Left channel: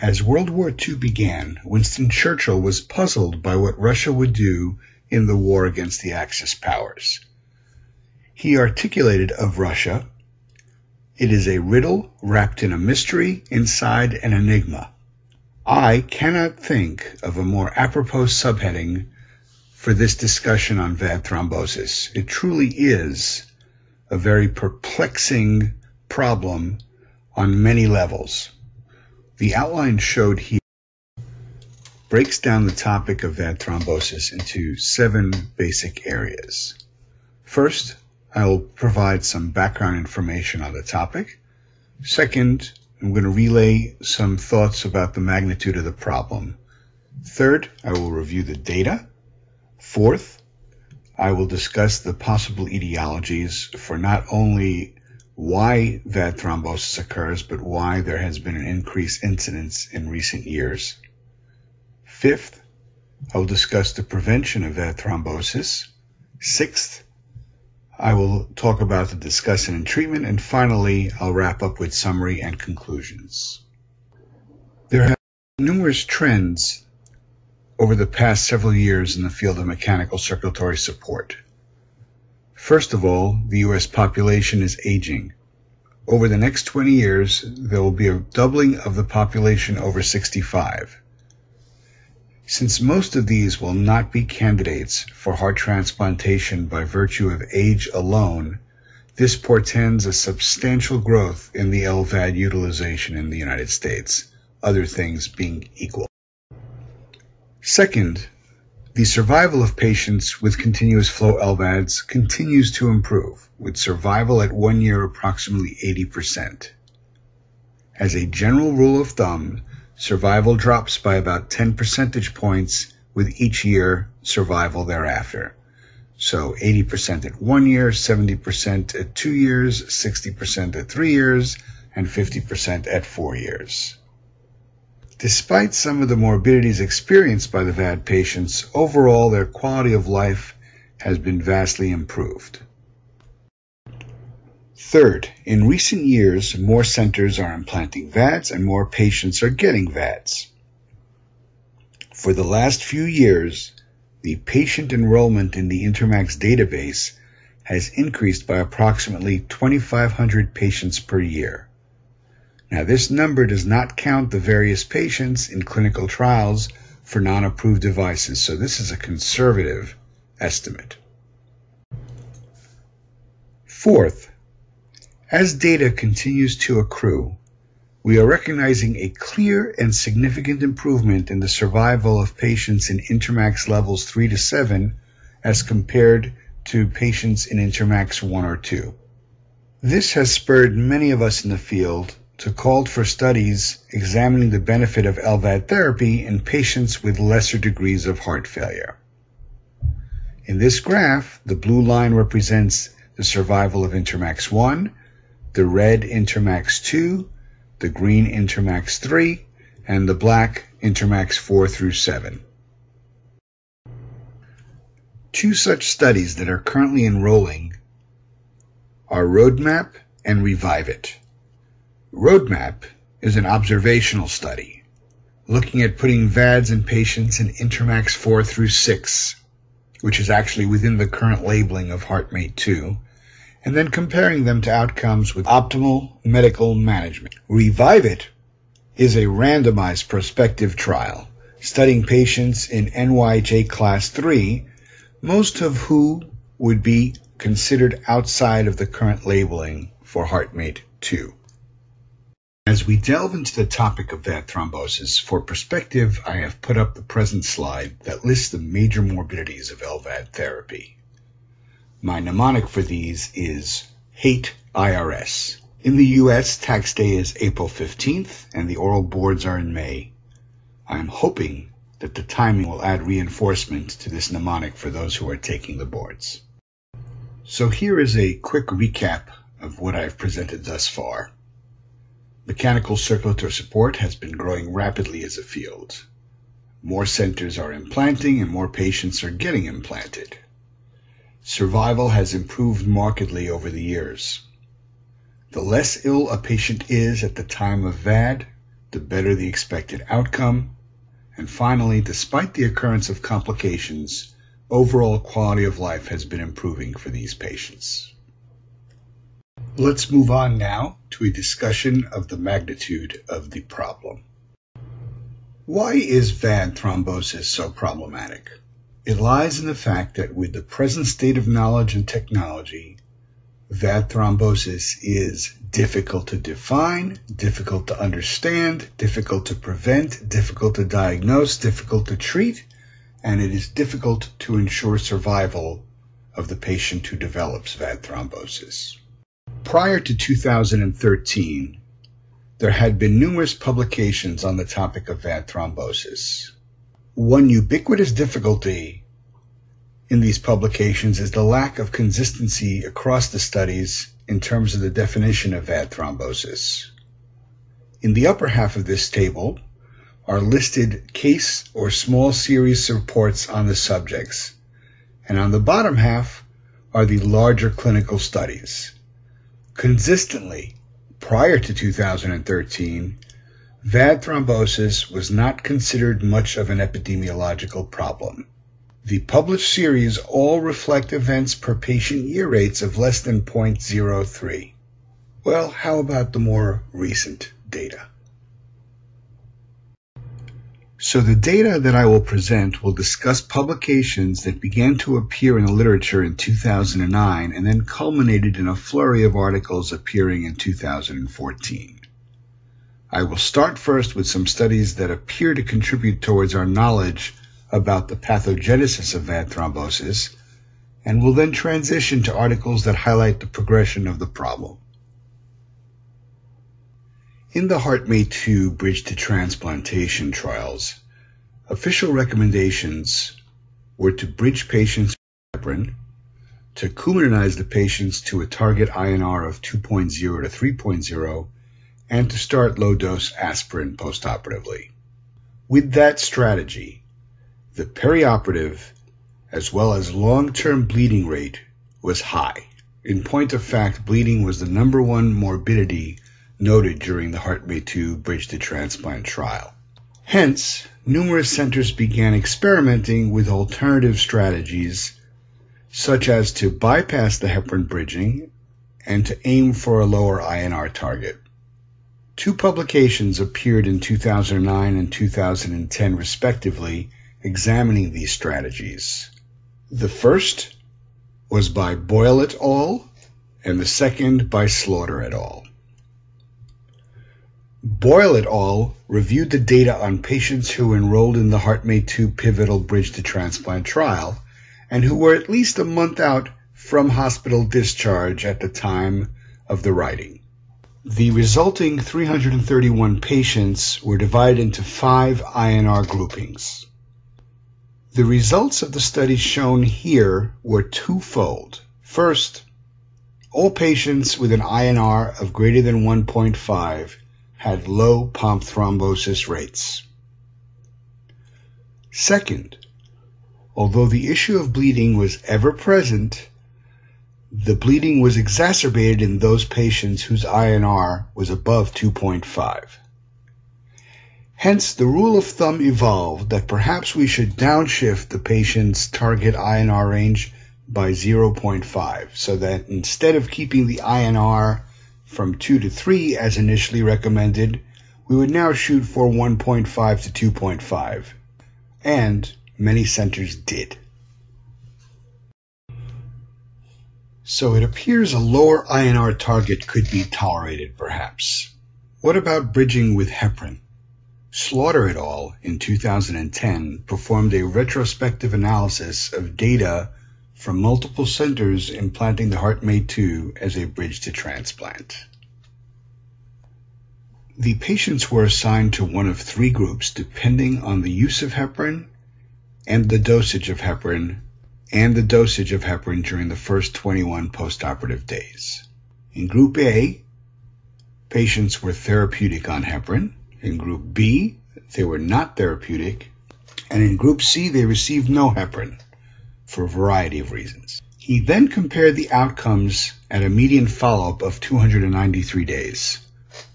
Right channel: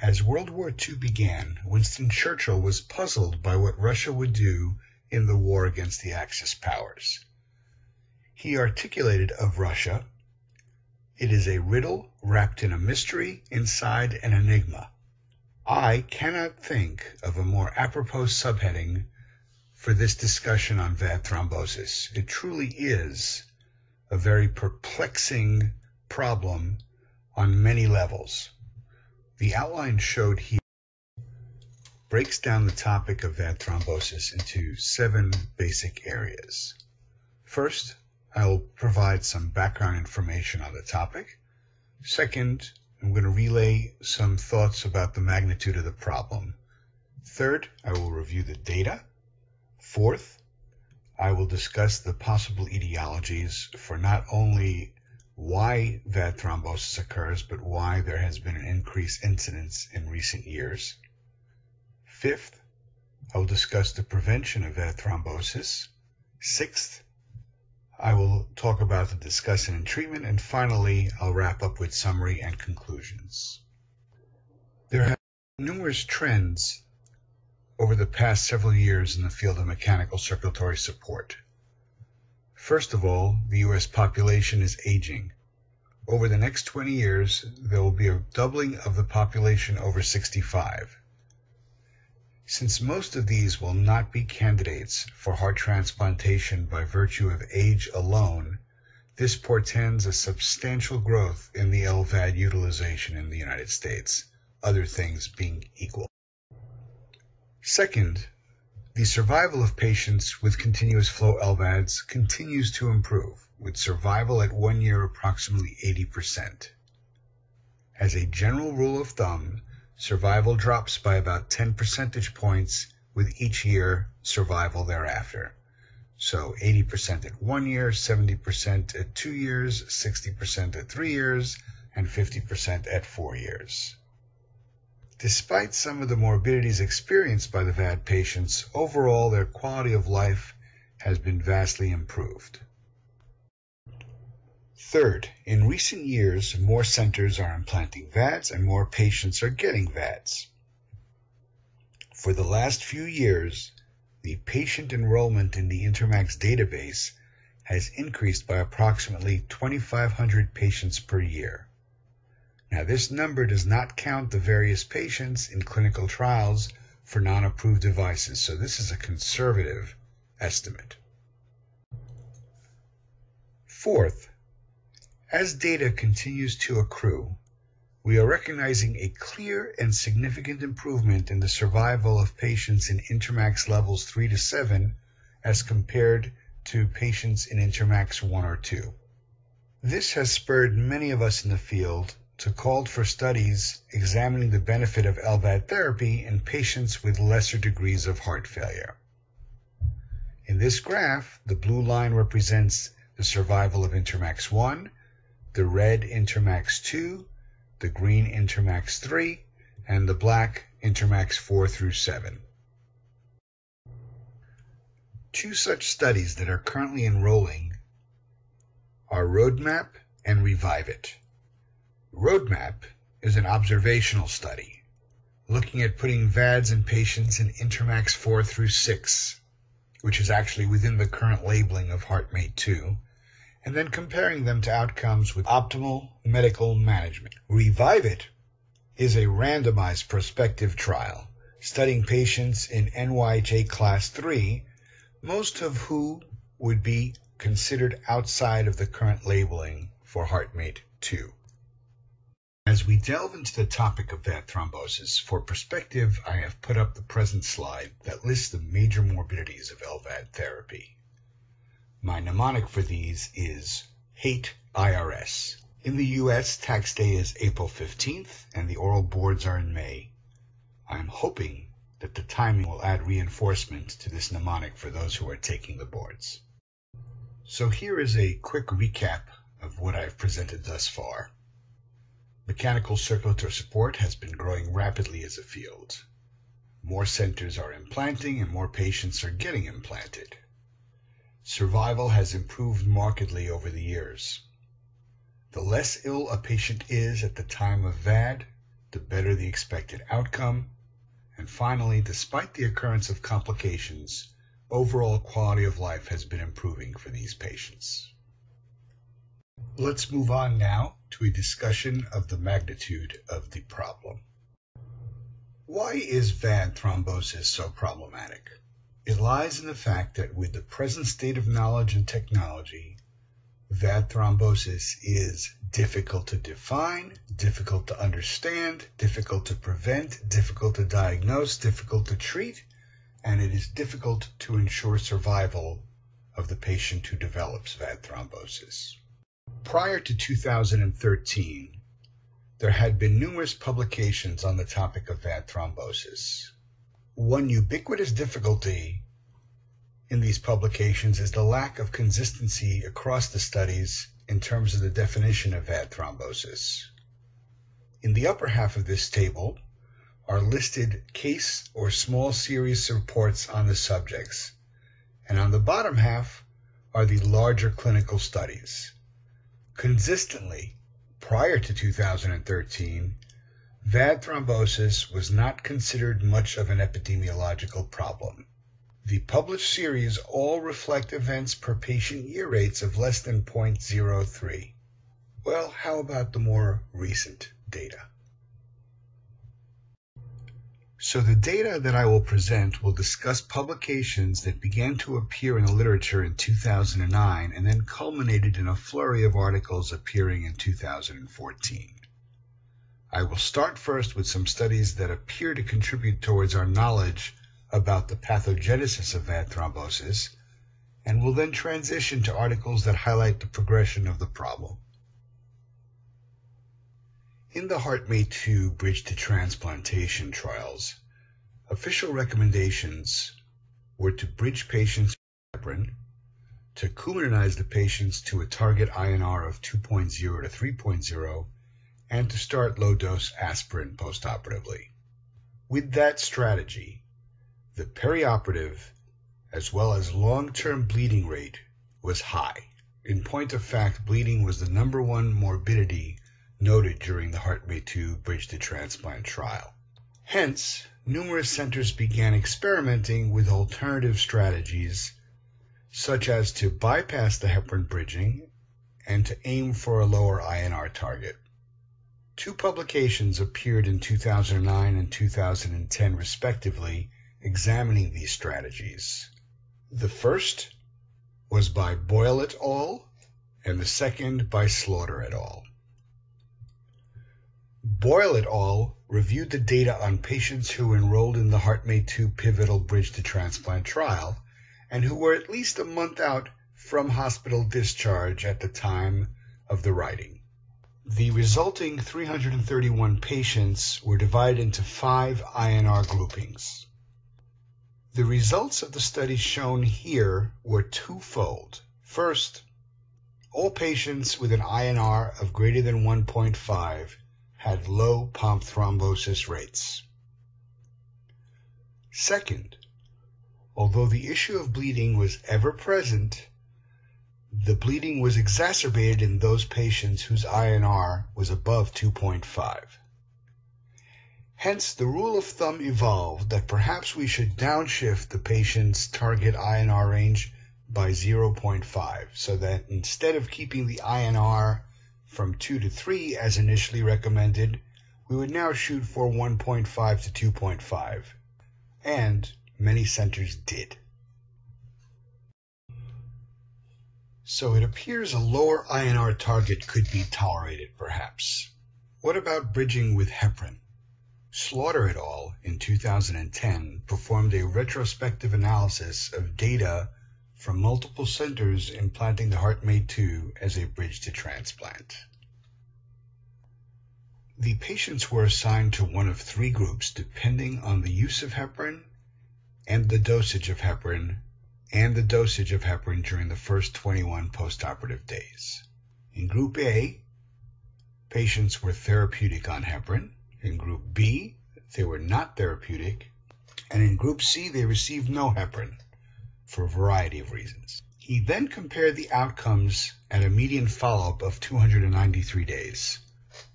As World War II began, Winston Churchill was puzzled by what Russia would do in the war against the Axis powers. He articulated of Russia, "It is a riddle wrapped in a mystery inside an enigma." I cannot think of a more apropos subheading for this discussion on VAD thrombosis. It truly is a very perplexing problem on many levels. The outline showed here breaks down the topic of VAD thrombosis into 7 basic areas. First, I will provide some background information on the topic. Second, I'm going to relay some thoughts about the magnitude of the problem. Third, I will review the data. Fourth, I will discuss the possible etiologies for not only why VAD thrombosis occurs, but why there has been an increased incidence in recent years. Fifth, I will discuss the prevention of VAD thrombosis. Sixth, I will talk about the discussion and treatment, and finally, I'll wrap up with summary and conclusions. There have been numerous trends over the past several years in the field of mechanical circulatory support. First of all, the U.S. population is aging. Over the next 20 years, there will be a doubling of the population over 65. Since most of these will not be candidates for heart transplantation by virtue of age alone, this portends a substantial growth in the LVAD utilization in the United States, other things being equal. Second, the survival of patients with continuous flow LVADs continues to improve, with survival at 1 year approximately 80%. As a general rule of thumb, survival drops by about 10 percentage points with each year survival thereafter. So 80% at 1 year, 70% at 2 years, 60% at 3 years, and 50% at 4 years. Despite some of the morbidities experienced by the VAD patients, overall their quality of life has been vastly improved. Third, in recent years, more centers are implanting VADs and more patients are getting VADs. For the last few years, the patient enrollment in the Intermax database has increased by approximately 2,500 patients per year. Now, this number does not count the various patients in clinical trials for non-approved devices, so this is a conservative estimate. Fourth, as data continues to accrue, we are recognizing a clear and significant improvement in the survival of patients in Intermax levels 3 to 7 as compared to patients in Intermax 1 or 2. This has spurred many of us in the field to call for studies examining the benefit of LVAD therapy in patients with lesser degrees of heart failure. In this graph, the blue line represents the survival of Intermax 1, the red Intermax 2, the green Intermax 3, and the black Intermax 4 through 7. Two such studies that are currently enrolling are Roadmap and Revive It. Roadmap is an observational study looking at putting VADs in patients in Intermax 4 through 6, which is actually within the current labeling of HeartMate 2, and then comparing them to outcomes with optimal medical management. Revive It is a randomized prospective trial studying patients in NYJ Class 3, most of who would be considered outside of the current labeling for HeartMate 2. As we delve into the topic of VAD thrombosis, for perspective, I have put up the present slide that lists the major morbidities of LVAD therapy. My mnemonic for these is HATE IRS. In the U.S., tax day is April 15th, and the oral boards are in May. I am hoping that the timing will add reinforcement to this mnemonic for those who are taking the boards. So here is a quick recap of what I've presented thus far. Mechanical circulatory support has been growing rapidly as a field. More centers are implanting and more patients are getting implanted. Survival has improved markedly over the years. The less ill a patient is at the time of VAD, the better the expected outcome. And finally, despite the occurrence of complications, overall quality of life has been improving for these patients. Let's move on now to a discussion of the magnitude of the problem. Why is VAD thrombosis so problematic? It lies in the fact that with the present state of knowledge and technology, VAD thrombosis is difficult to define, difficult to understand, difficult to prevent, difficult to diagnose, difficult to treat, and it is difficult to ensure survival of the patient who develops VAD thrombosis. Prior to 2013, there had been numerous publications on the topic of VAD thrombosis. One ubiquitous difficulty in these publications is the lack of consistency across the studies in terms of the definition of VAD thrombosis. In the upper half of this table are listed case or small series reports on the subjects, and on the bottom half are the larger clinical studies. Consistently, prior to 2013, VAD thrombosis was not considered much of an epidemiological problem. The published series all reflect events per patient year rates of less than 0.03. Well, how about the more recent data? So the data that I will present will discuss publications that began to appear in the literature in 2009 and then culminated in a flurry of articles appearing in 2014. I will start first with some studies that appear to contribute towards our knowledge about the pathogenesis of VAD thrombosis, and will then transition to articles that highlight the progression of the problem. In the HeartMate 2 bridge to transplantation trials, official recommendations were to bridge patients with heparin, to Coumadinize the patients to a target INR of 2.0 to 3.0, and to start low-dose aspirin postoperatively. With that strategy, the perioperative as well as long-term bleeding rate was high. In point of fact, bleeding was the #1 morbidity noted during the HeartMate 2 bridge to transplant trial. Hence, numerous centers began experimenting with alternative strategies, such as to bypass the heparin bridging and to aim for a lower INR target. Two publications appeared in 2009 and 2010 respectively, examining these strategies. The first was by Boyle et al., and the second by Slaughter et al. Boyle et al. Reviewed the data on patients who enrolled in the HeartMate 2 pivotal bridge to transplant trial and who were at least a month out from hospital discharge at the time of the writing. The resulting 331 patients were divided into 5 INR groupings. The results of the studies shown here were twofold. First, all patients with an INR of greater than 1.5 had low pomp thrombosis rates. Second, although the issue of bleeding was ever present, the bleeding was exacerbated in those patients whose INR was above 2.5. Hence, the rule of thumb evolved that perhaps we should downshift the patient's target INR range by 0.5, so that instead of keeping the INR from 2 to 3 as initially recommended, we would now shoot for 1.5 to 2.5. And many centers did. So it appears a lower INR target could be tolerated, perhaps. What about bridging with heparin? Slaughter et al. In 2010 performed a retrospective analysis of data from multiple centers implanting the HeartMate 2 as a bridge to transplant. The patients were assigned to one of 3 groups depending on the use of heparin and the dosage of heparin during the first 21 postoperative days. In Group A, patients were therapeutic on heparin. In Group B, they were not therapeutic. And in Group C, they received no heparin for a variety of reasons. He then compared the outcomes at a median follow-up of 293 days.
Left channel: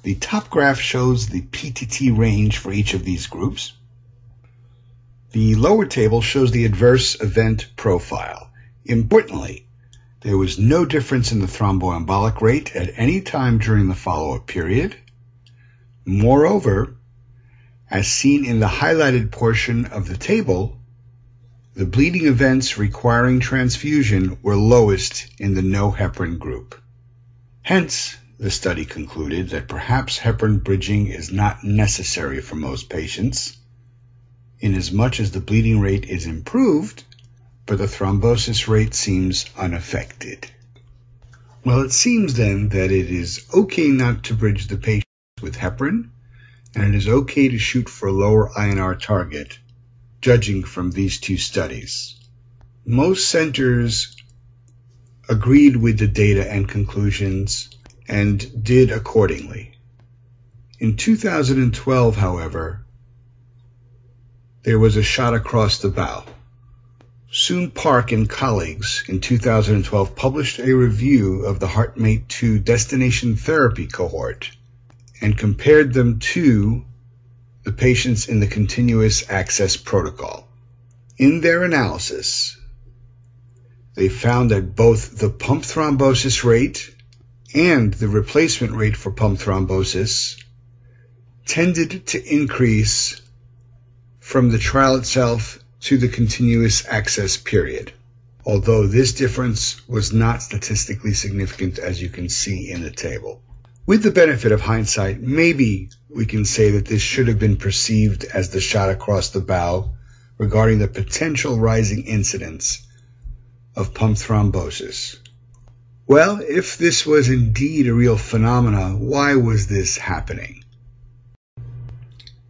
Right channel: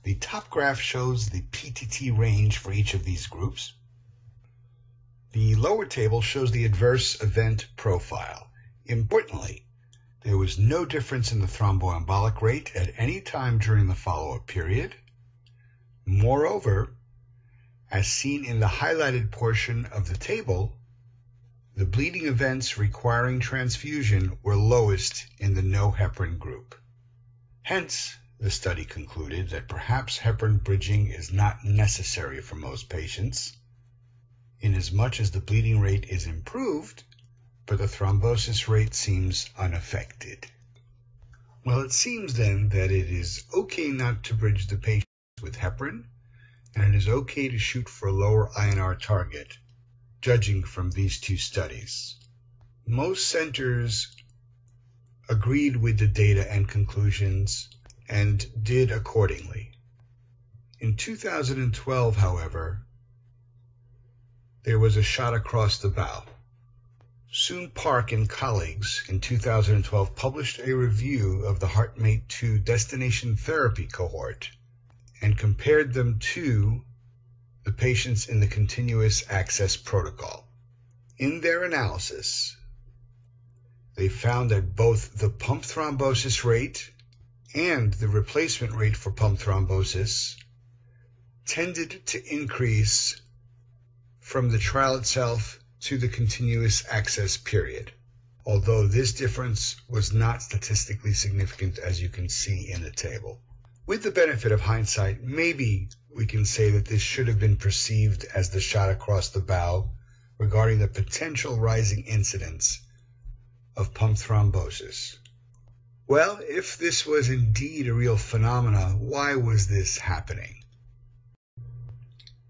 The top graph shows the PTT range for each of these groups. The lower table shows the adverse event profile. Importantly, there was no difference in the thromboembolic rate at any time during the follow-up period. Moreover, as seen in the highlighted portion of the table, the bleeding events requiring transfusion were lowest in the no heparin group. Hence, the study concluded that perhaps heparin bridging is not necessary for most patients, inasmuch as the bleeding rate is improved, but the thrombosis rate seems unaffected. Well, it seems then that it is okay not to bridge the patients with heparin, and it is okay to shoot for a lower INR target, judging from these two studies. Most centers agreed with the data and conclusions and did accordingly. In 2012, however, there was a shot across the bow. Soon Park and colleagues in 2012 published a review of the HeartMate 2 destination therapy cohort and compared them to the patients in the continuous access protocol. In their analysis, they found that both the pump thrombosis rate and the replacement rate for pump thrombosis tended to increase from the trial itself to the continuous access period, although this difference was not statistically significant, as you can see in the table. With the benefit of hindsight, maybe we can say that this should have been perceived as the shot across the bow regarding the potential rising incidence of pump thrombosis. Well, if this was indeed a real phenomena, why was this happening?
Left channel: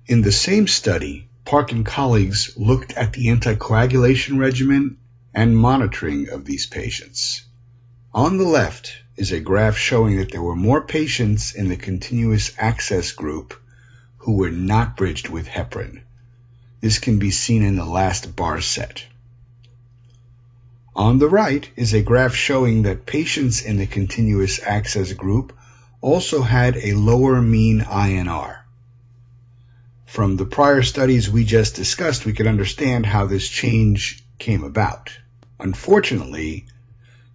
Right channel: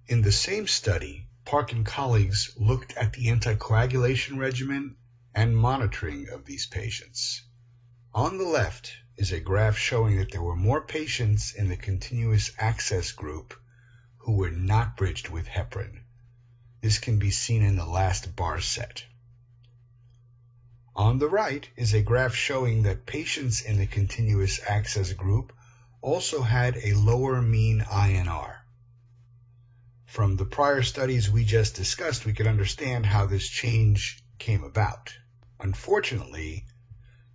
In the same study, Park and colleagues looked at the anticoagulation regimen and monitoring of these patients. On the left is a graph showing that there were more patients in the continuous access group who were not bridged with heparin. This can be seen in the last bar set. On the right is a graph showing that patients in the continuous access group also had a lower mean INR. From the prior studies we just discussed, we could understand how this change came about. Unfortunately,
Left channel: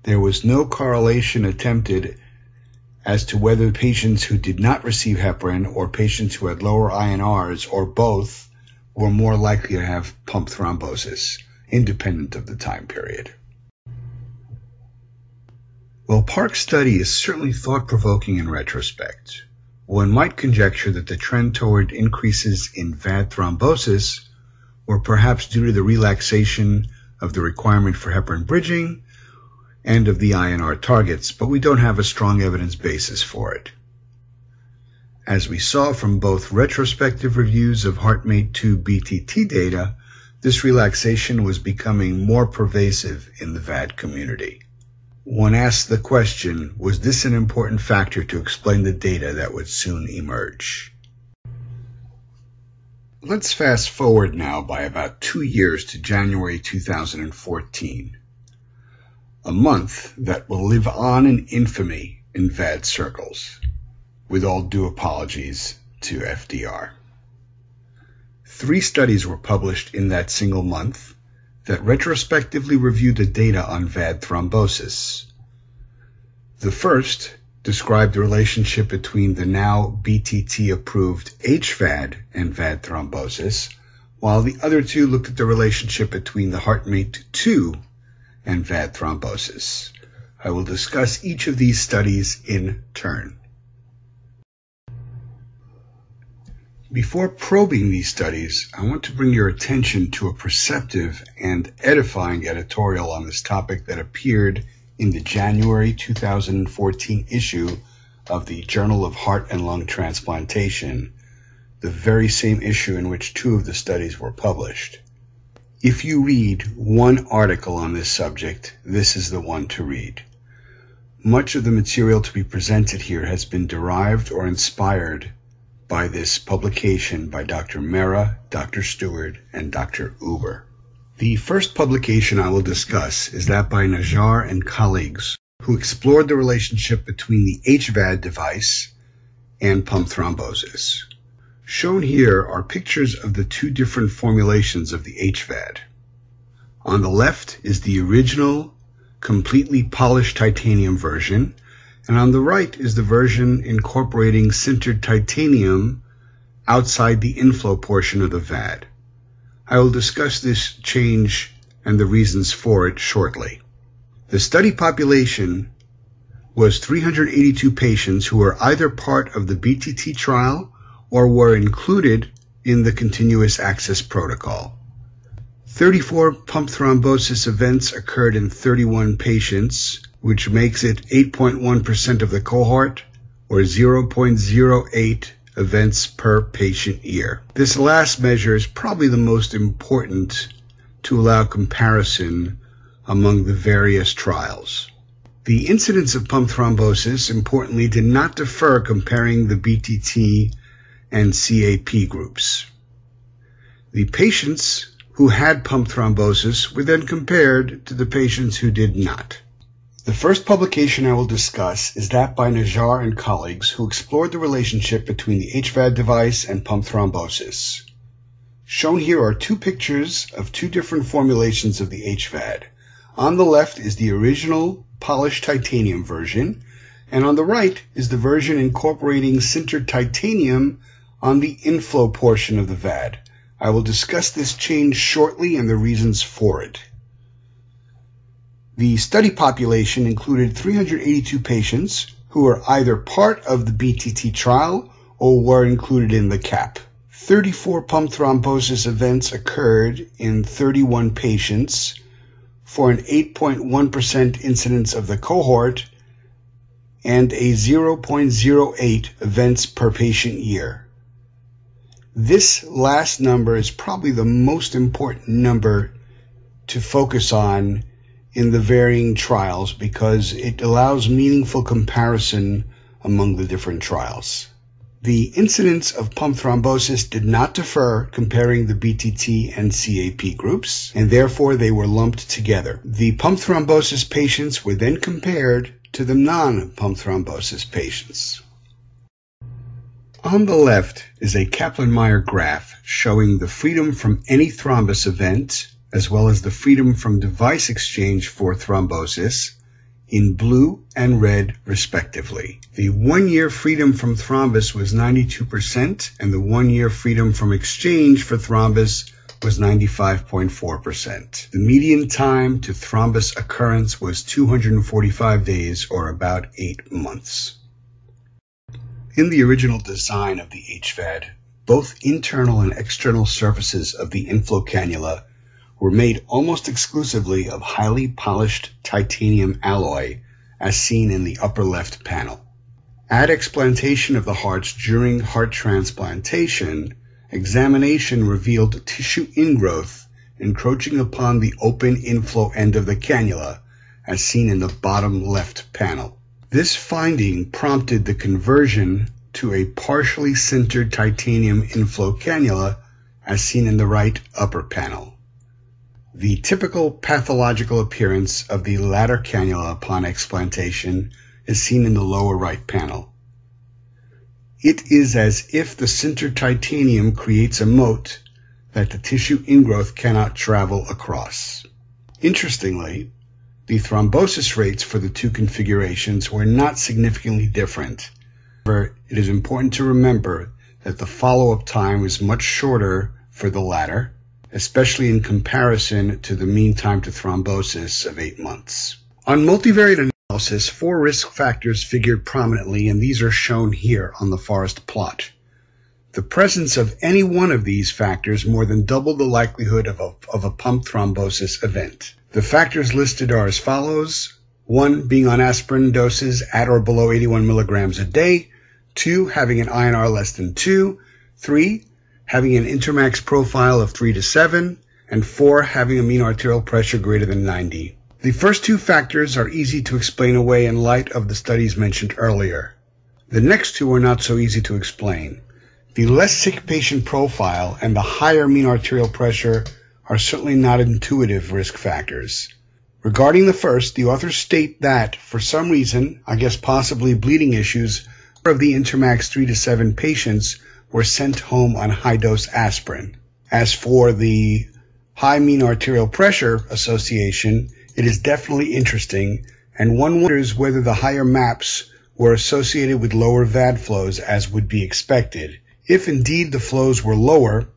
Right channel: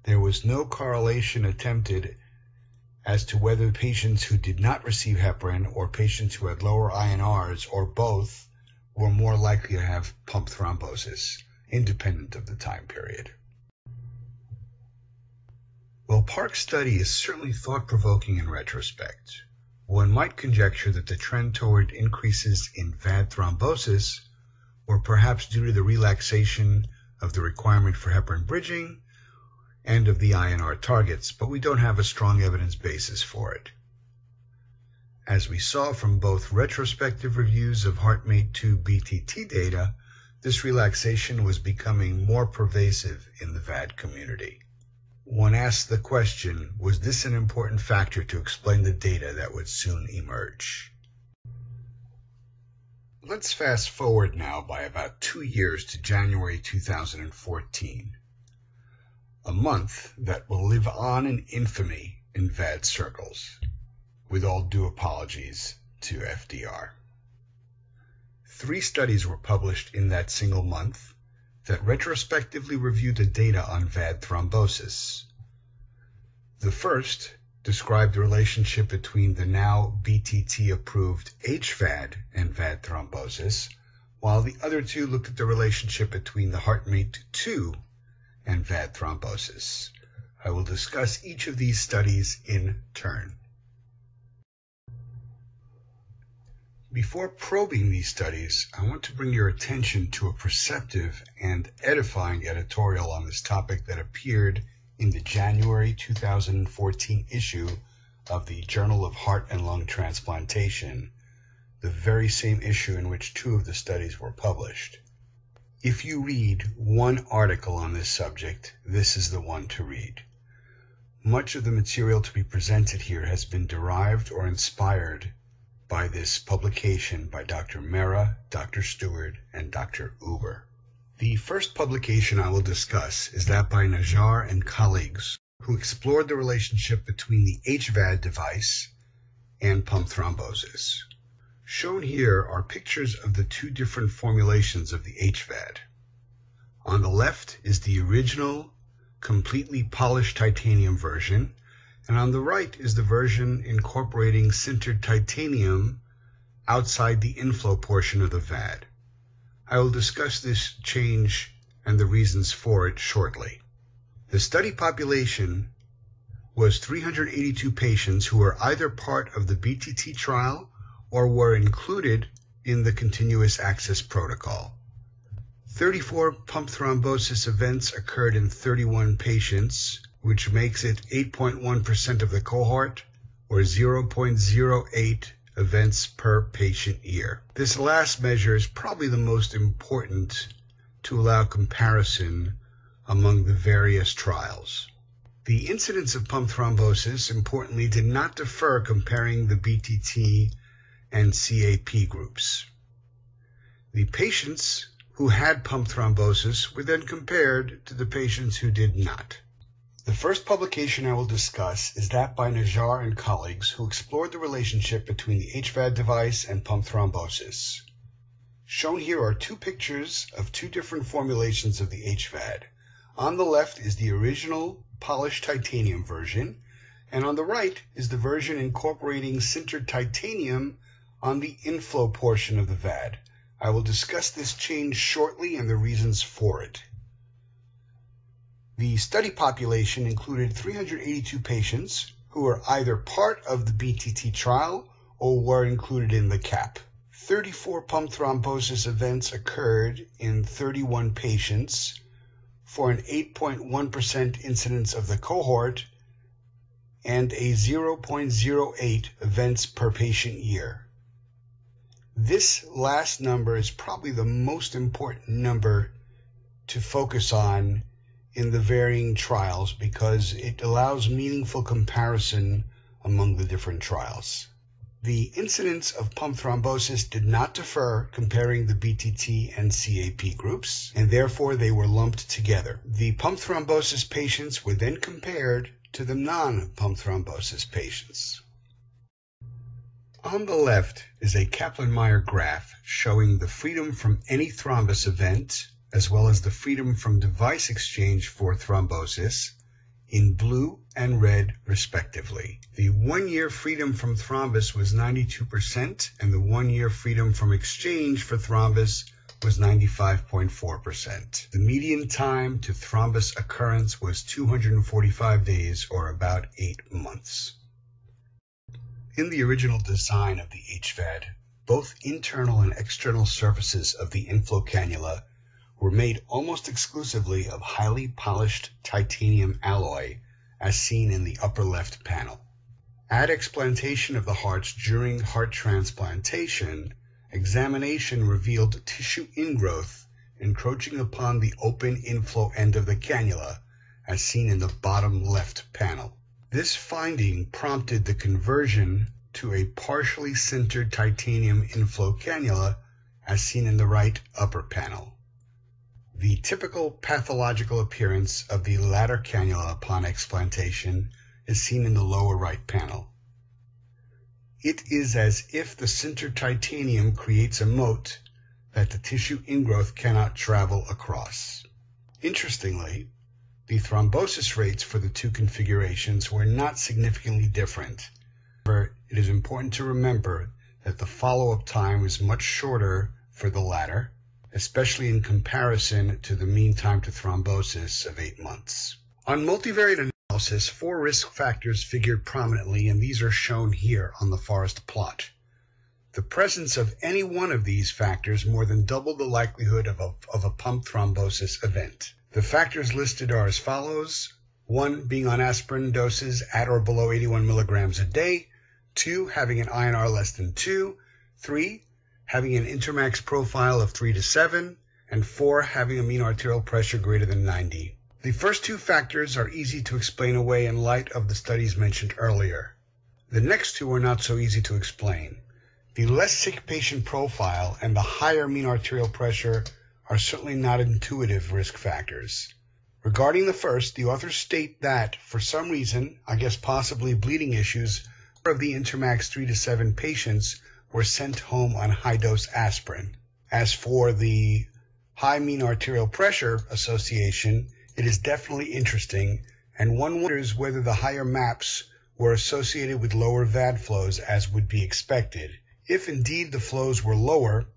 there was no correlation attempted as to whether patients who did not receive heparin or patients who had lower INRs or both were more likely to have pump thrombosis, independent of the time period. Well, Park's study is certainly thought-provoking in retrospect. One might conjecture that the trend toward increases in VAD thrombosis were perhaps due to the relaxation of the requirement for heparin bridging and of the INR targets, but we don't have a strong evidence basis for it. As we saw from both retrospective reviews of HeartMate 2 BTT data, this relaxation was becoming more pervasive in the VAD community. One asks the question, was this an important factor to explain the data that would soon emerge? Let's fast forward now by about 2 years to January 2014, a month that will live on in infamy in VAD circles, with all due apologies to FDR. 3 studies were published in that single month that retrospectively reviewed the data on VAD thrombosis. The first described the relationship between the now BTT-approved HVAD and VAD thrombosis, while the other 2 looked at the relationship between the HeartMate 2 and VAD thrombosis. I will discuss each of these studies in turn. Before probing these studies, I want to bring your attention to a perceptive and edifying editorial on this topic that appeared in the January 2014 issue of the Journal of Heart and Lung Transplantation, the very same issue in which 2 of the studies were published. If you read one article on this subject, this is the one to read. Much of the material to be presented here has been derived or inspired by this publication by Dr. Mehra, Dr. Stewart, and Dr. Uber. The first publication I will discuss is that by Najjar and colleagues, who explored the relationship between the HVAD device and pump thrombosis. Shown here are pictures of the two different formulations of the HVAD. On the left is the original, completely polished titanium version, and on the right is the version incorporating sintered titanium outside the inflow portion of the VAD. I will discuss this change and the reasons for it shortly. The study population was 382 patients who were either part of the BTT trial or were included in the continuous access protocol. 34 pump thrombosis events occurred in 31 patients, which makes it 8.1% of the cohort, or 0.08 events per patient year. This last measure is probably the most important to allow comparison among the various trials. The incidence of pump thrombosis, importantly, did not differ comparing the BTT and CAP groups. The patients who had pump thrombosis were then compared to the patients who did not. The first publication I will discuss is that by Najjar and colleagues who explored the relationship between the HVAD device and pump thrombosis. Shown here are two pictures of two different formulations of the HVAD. On the left is the original polished titanium version, and on the right is the version incorporating sintered titanium on the inflow portion of the VAD. I will discuss this change shortly and the reasons for it. The study population included 382 patients who were either part of the BTT trial or were included in the CAP. 34 pump thrombosis events occurred in 31 patients for an 8.1% incidence of the cohort and a 0.08 events per patient year. This last number is probably the most important number to focus on in the varying trials because it allows meaningful comparison among the different trials. The incidence of pump thrombosis did not differ comparing the BTT and CAP groups, and therefore they were lumped together. The pump thrombosis patients were then compared to the non-pump thrombosis patients. On the left is a Kaplan-Meier graph showing the freedom from any thrombus event, as well as the freedom from device exchange for thrombosis, in blue and red respectively. The 1-year freedom from thrombus was 92%, and the 1-year freedom from exchange for thrombus was 95.4%. The median time to thrombus occurrence was 245 days, or about 8 months. In the original design of the HVAD, both internal and external surfaces of the inflow cannula were made almost exclusively of highly polished titanium alloy, as seen in the upper left panel. At explantation of the hearts during heart transplantation, examination revealed tissue ingrowth encroaching upon the open inflow end of the cannula, as seen in the bottom left panel. This finding prompted the conversion to a partially sintered titanium inflow cannula, as seen in the right upper panel. The typical pathological appearance of the latter cannula upon explantation is seen in the lower right panel. It is as if the sintered titanium creates a moat that the tissue ingrowth cannot travel across. Interestingly, the thrombosis rates for the two configurations were not significantly different. However, it is important to remember that the follow-up time was much shorter for the latter, especially in comparison to the mean time to thrombosis of 8 months. On multivariate analysis, 4 risk factors figured prominently, and these are shown here on the forest plot. The presence of any one of these factors more than doubled the likelihood of a pump thrombosis event. The factors listed are as follows: 1, being on aspirin doses at or below 81 milligrams a day; 2, having an INR less than 2; 3, having an intermax profile of 3 to 7; and 4, having a mean arterial pressure greater than 90. The first 2 factors are easy to explain away in light of the studies mentioned earlier. The next 2 are not so easy to explain. The less sick patient profile and the higher mean arterial pressure are certainly not intuitive risk factors. Regarding the first, the authors state that, for some reason, I guess possibly bleeding issues, Of the Intermax 3 to 7 patients were sent home on high-dose aspirin. As for the high mean arterial pressure association, it is definitely interesting, and one wonders whether the higher MAPs were associated with lower VAD flows as would be expected. If indeed the flows were lower,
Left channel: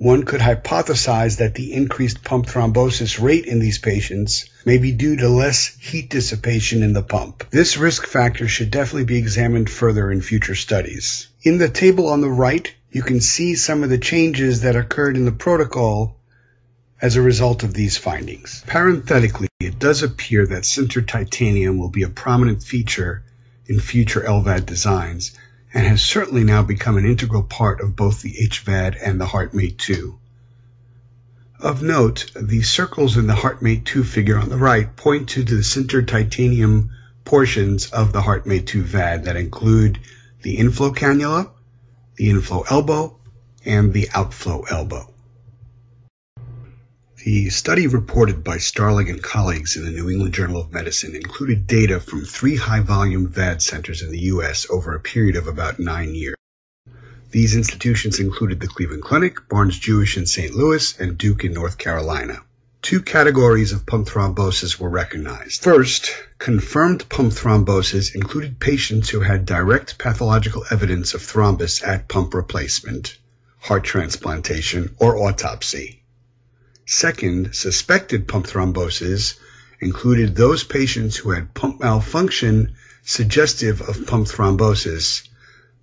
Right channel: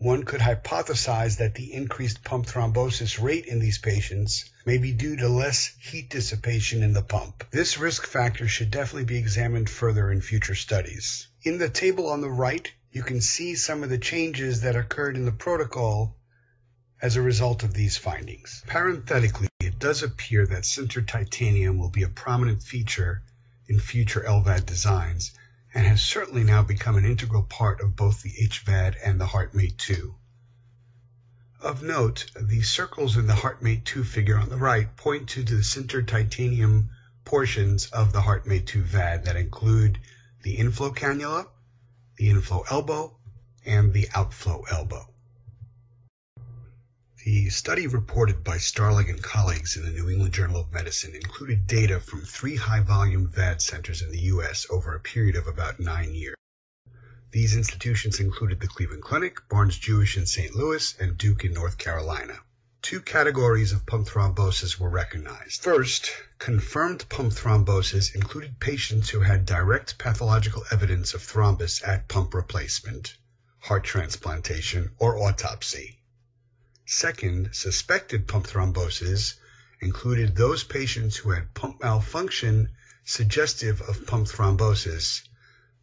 one could hypothesize that the increased pump thrombosis rate in these patients may be due to less heat dissipation in the pump. This risk factor should definitely be examined further in future studies. In the table on the right, you can see some of the changes that occurred in the protocol as a result of these findings. Parenthetically, it does appear that sintered titanium will be a prominent feature in future LVAD designs, and has certainly now become an integral part of both the HVAD and the HeartMate 2. Of note, the circles in the HeartMate 2 figure on the right point to the sintered titanium portions of the HeartMate 2 VAD that include the inflow cannula, the inflow elbow, and the outflow elbow. The study reported by Starling and colleagues in the New England Journal of Medicine included data from 3 high-volume VAD centers in the U.S. over a period of about 9 years. These institutions included the Cleveland Clinic, Barnes-Jewish in St. Louis, and Duke in North Carolina. 2 categories of pump thrombosis were recognized. First, confirmed pump thrombosis included patients who had direct pathological evidence of thrombus at pump replacement, heart transplantation, or autopsy. Second, suspected pump thrombosis included those patients who had pump malfunction suggestive of pump thrombosis,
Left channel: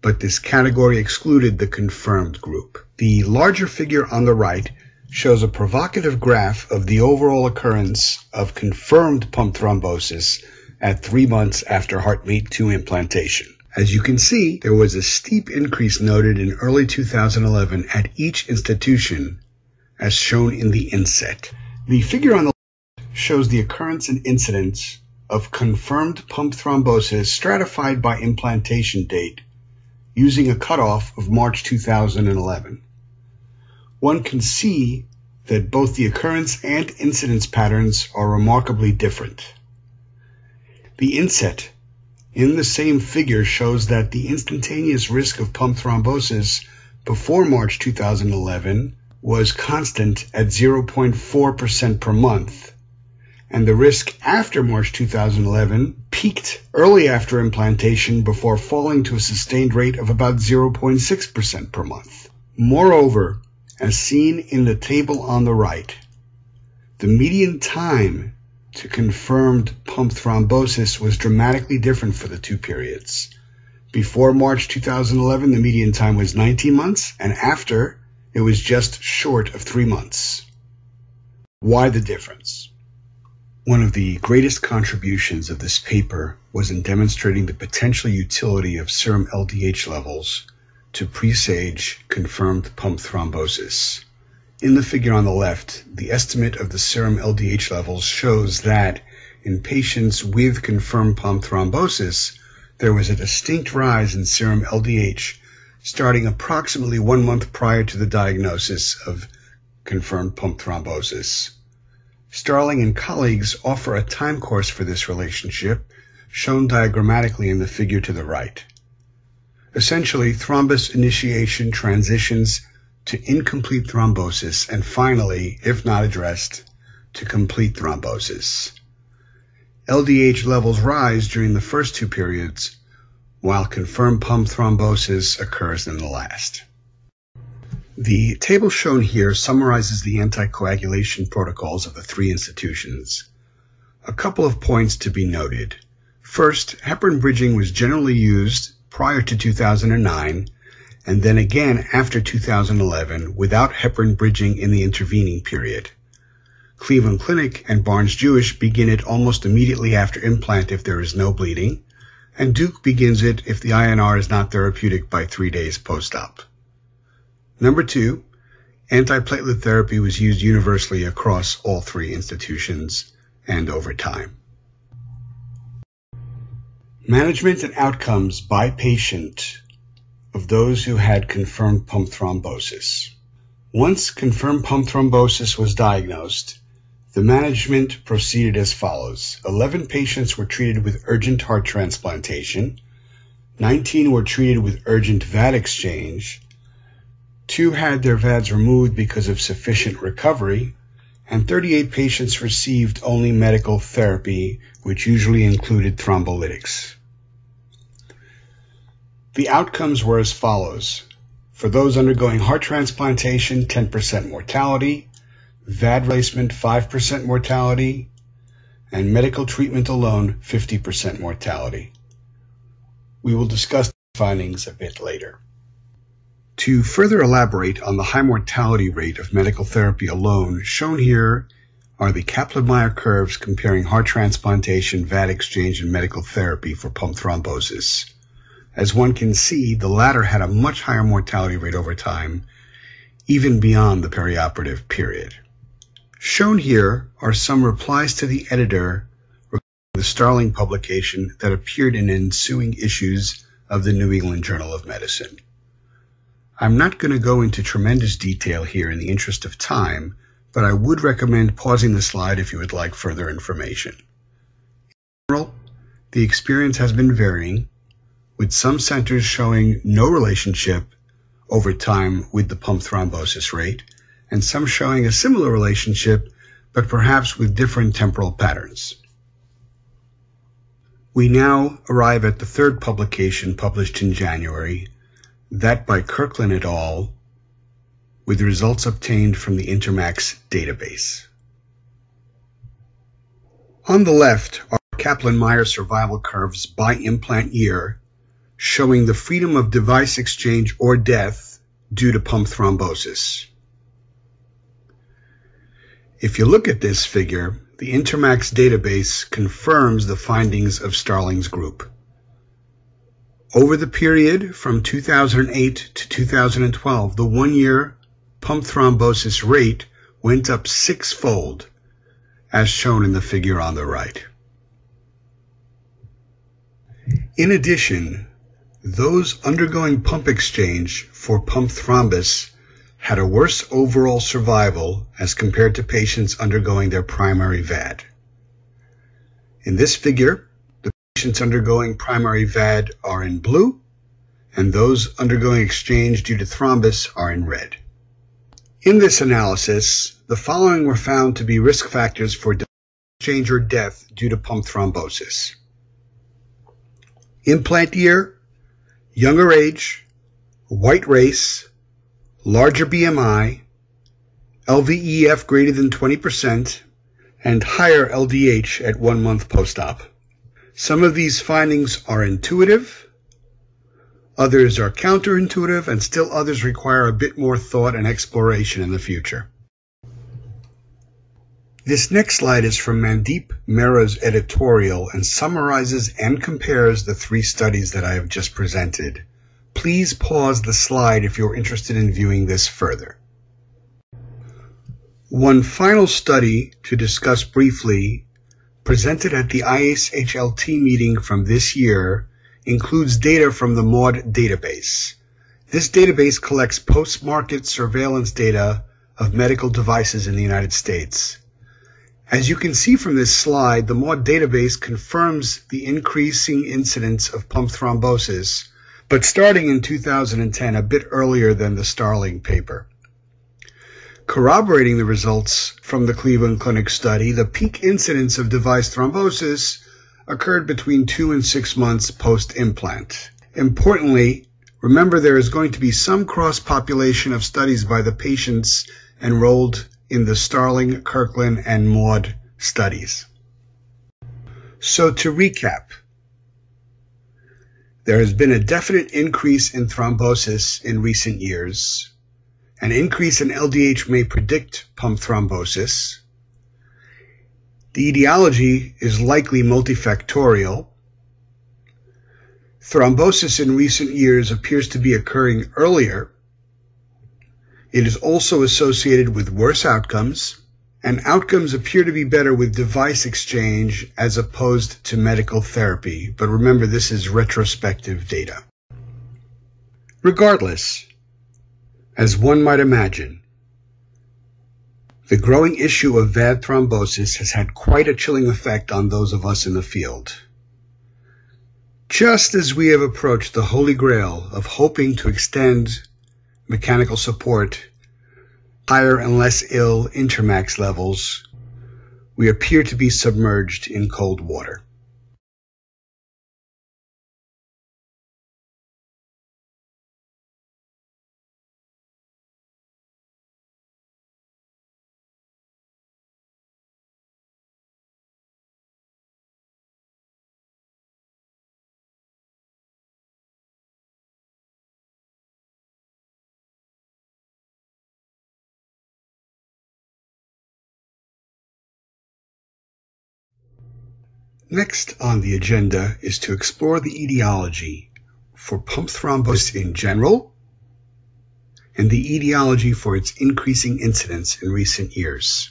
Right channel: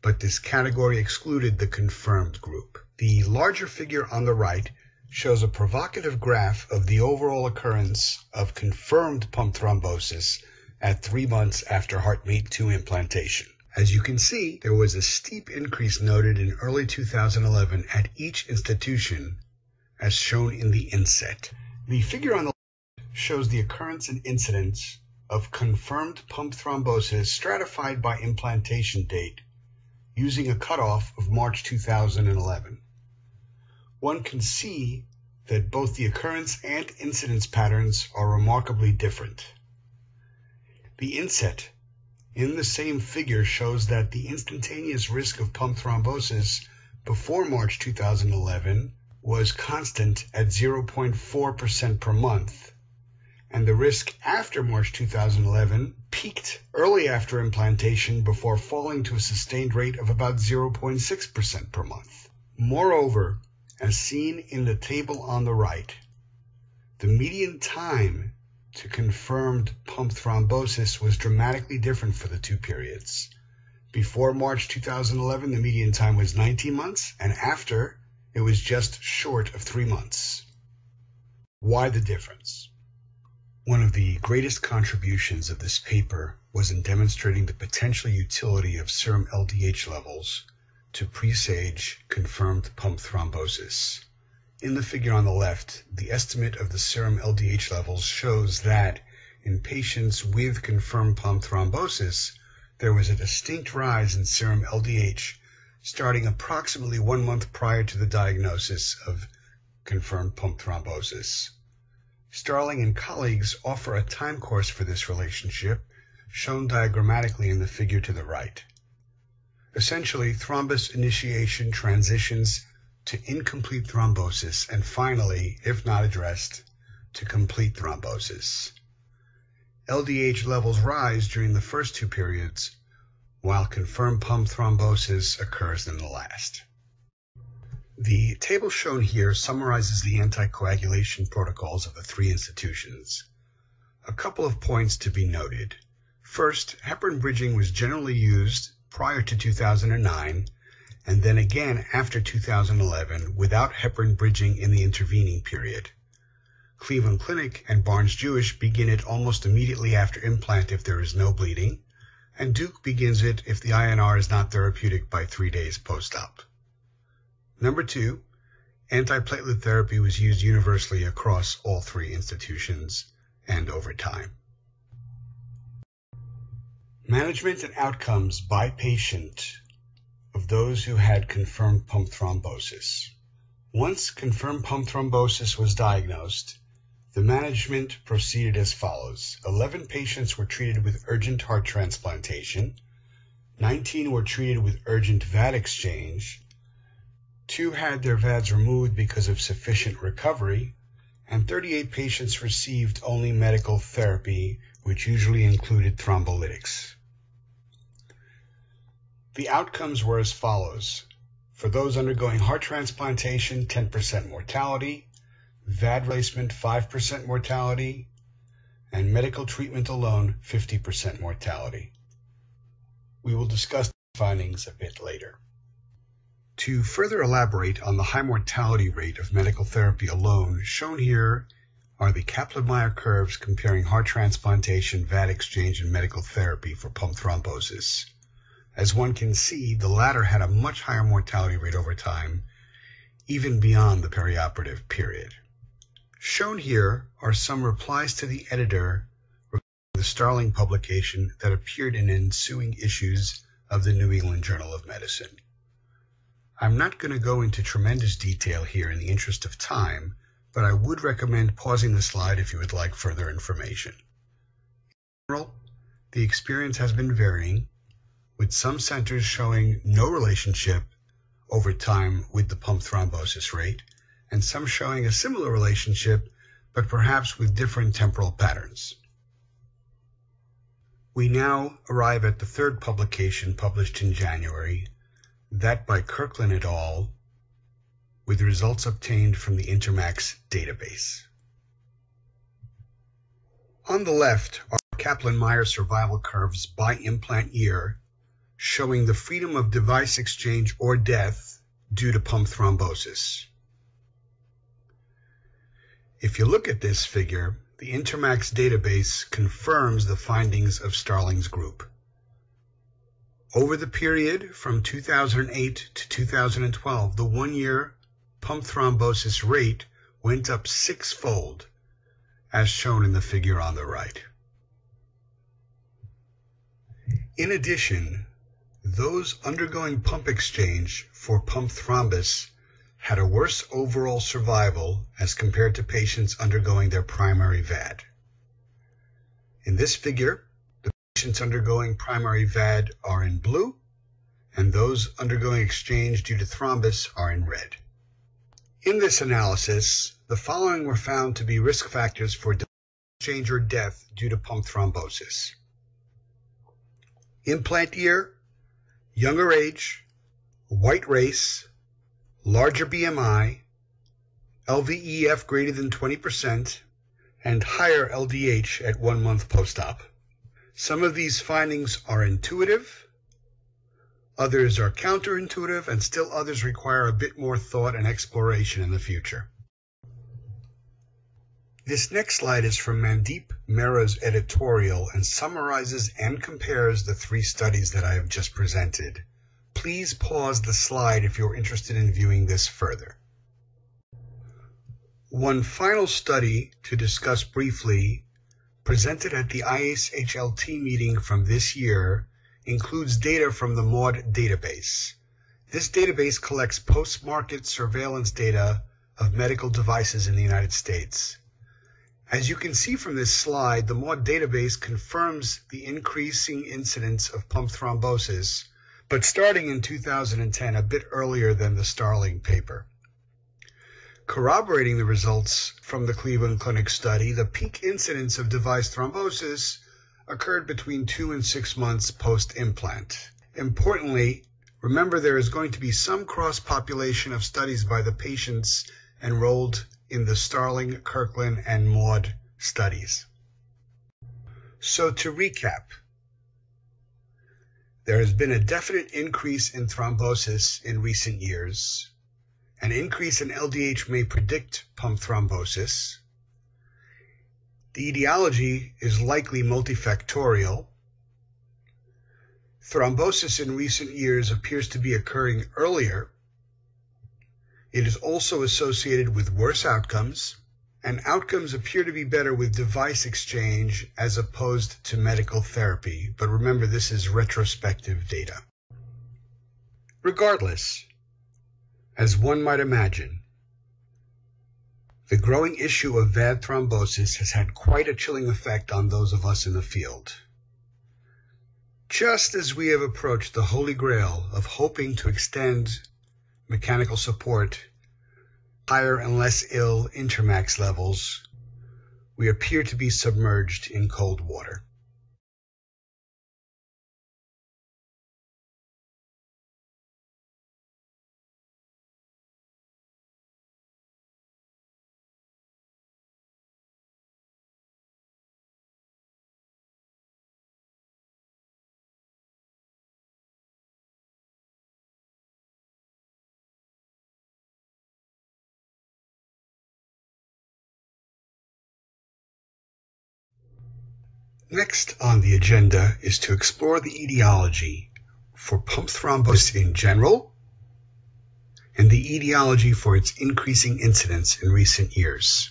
but this category excluded the confirmed group. The larger figure on the right shows a provocative graph of the overall occurrence of confirmed pump thrombosis at 3 months after HeartMate 2 implantation. As you can see, there was a steep increase noted in early 2011 at each institution, as shown in the inset. The figure on the left shows the occurrence and incidence of confirmed pump thrombosis stratified by implantation date using a cutoff of March 2011. One can see that both the occurrence and incidence patterns are remarkably different. The inset in the same figure shows that the instantaneous risk of pump thrombosis before March 2011 was constant at 0.4% per month, and the risk after March 2011 peaked early after implantation before falling to a sustained rate of about 0.6% per month. Moreover, as seen in the table on the right, the median time to confirmed pump thrombosis was dramatically different for the 2 periods. Before March 2011, the median time was 19 months, and after, it was just short of 3 months. Why the difference? One of the greatest contributions of this paper was in demonstrating the potential utility of serum LDH levels to presage confirmed pump thrombosis. In the figure on the left, the estimate of the serum LDH levels shows that in patients with confirmed pump thrombosis, there was a distinct rise in serum LDH starting approximately 1 month prior to the diagnosis of confirmed pump thrombosis. Starling and colleagues offer a time course for this relationship, shown diagrammatically in the figure to the right. Essentially, thrombus initiation transitions to incomplete thrombosis, and finally, if not addressed, to complete thrombosis. LDH levels rise during the first 2 periods, while confirmed pump thrombosis occurs in the last. The table shown here summarizes the anticoagulation protocols of the 3 institutions. A couple of points to be noted. First, heparin bridging was generally used prior to 2009, and then again after 2011 without heparin bridging in the intervening period. Cleveland Clinic and Barnes-Jewish begin it almost immediately after implant if there is no bleeding, and Duke begins it if the INR is not therapeutic by 3 days post-op. Number 2, antiplatelet therapy was used universally across all 3 institutions and over time. Management and outcomes by patient of those who had confirmed pump thrombosis. Once confirmed pump thrombosis was diagnosed, the management proceeded as follows. 11 patients were treated with urgent heart transplantation, 19 were treated with urgent VAD exchange, 2 had their VADs removed because of sufficient recovery, and 38 patients received only medical therapy, which usually included thrombolytics. The outcomes were as follows. For those undergoing heart transplantation, 10% mortality, VAD replacement 5% mortality, and medical treatment alone 50% mortality. We will discuss the findings a bit later. To further elaborate on the high mortality rate of medical therapy alone, shown here are the Kaplan-Meier curves comparing heart transplantation, VAD exchange, and medical therapy for pump thrombosis. As one can see, the latter had a much higher mortality rate over time, even beyond the perioperative period. Shown here are some replies to the editor regarding the Starling publication that appeared in ensuing issues of the New England Journal of Medicine. I'm not going to go into tremendous detail here in the interest of time, but I would recommend pausing the slide if you would like further information. In general, the experience has been varying, with some centers showing no relationship over time with the pump thrombosis rate, and some showing a similar relationship, but perhaps with different temporal patterns. We now arrive at the third publication published in January, that by Kirkland et al., with results obtained from the Intermax database. On the left are Kaplan-Meier survival curves by implant year, showing the freedom of device exchange or death due to pump thrombosis. If you look at this figure, the Intermax database confirms the findings of Starling's group. Over the period from 2008 to 2012, the one-year pump thrombosis rate went up 6-fold, as shown in the figure on the right. In addition, those undergoing pump exchange for pump thrombus had a worse overall survival as compared to patients undergoing their primary VAD. In this figure, the patients undergoing primary VAD are in blue, and those undergoing exchange due to thrombus are in red. In this analysis, the following were found to be risk factors for device exchange or death due to pump thrombosis: implant year, younger age, white race, larger BMI, LVEF greater than 20%, and higher LDH at 1 month post-op. Some of these findings are intuitive, others are counterintuitive, and still others require a bit more thought and exploration in the future. This next slide is from Mandeep Mehra's editorial and summarizes and compares the 3 studies that I have just presented. Please pause the slide if you're interested in viewing this further. One final study to discuss briefly, presented at the ISHLT meeting from this year, includes data from the MAUD database. This database collects post-market surveillance data of medical devices in the United States. As you can see from this slide, the MAUD database confirms the increasing incidence of pump thrombosis, but starting in 2010, a bit earlier than the Starling paper. Corroborating the results from the Cleveland Clinic study, the peak incidence of device thrombosis occurred between 2 and 6 months post-implant. Importantly, remember there is going to be some cross-population of studies by the patients enrolled in the Starling, Kirkland, and MAUD studies. So to recap, there has been a definite increase in thrombosis in recent years. An increase in LDH may predict pump thrombosis. The etiology is likely multifactorial. Thrombosis in recent years appears to be occurring earlier. It is also associated with worse outcomes, and outcomes appear to be better with device exchange as opposed to medical therapy. But remember, this is retrospective data. Regardless, as one might imagine, the growing issue of VAD thrombosis has had quite a chilling effect on those of us in the field. Just as we have approached the holy grail of hoping to extend mechanical support higher and less ill intermax levels, we appear to be submerged in cold water. Next on the agenda is to explore the etiology for pump thrombosis in general and the etiology for its increasing incidence in recent years.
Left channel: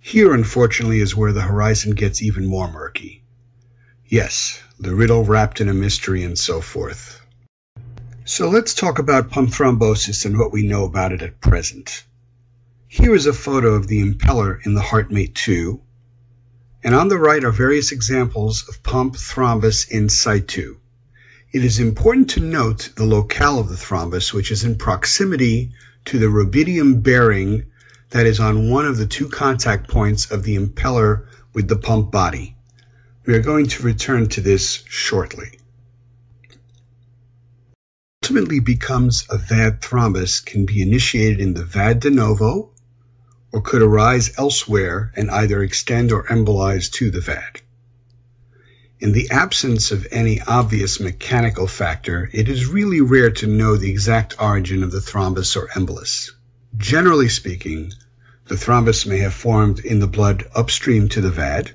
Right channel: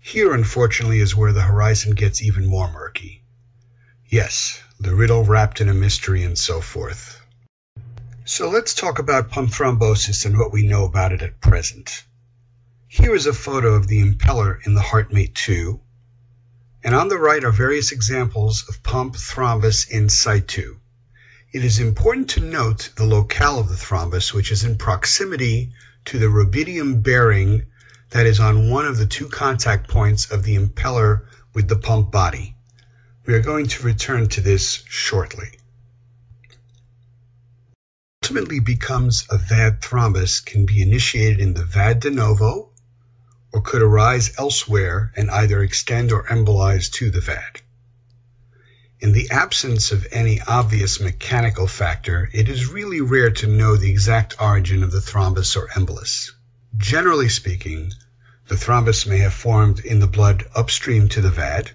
Here, unfortunately, is where the horizon gets even more murky. Yes, the riddle wrapped in a mystery and so forth. So let's talk about pump thrombosis and what we know about it at present. Here is a photo of the impeller in the HeartMate 2, and on the right are various examples of pump thrombus in Cite. It is important to note the locale of the thrombus, which is in proximity to the rubidium bearing that is on one of the two contact points of the impeller with the pump body. We are going to return to this shortly. Ultimately becomes a VAD thrombus can be initiated in the VAD de novo or could arise elsewhere and either extend or embolize to the VAD. In the absence of any obvious mechanical factor, it is really rare to know the exact origin of the thrombus or embolus. Generally speaking, the thrombus may have formed in the blood upstream to the VAD,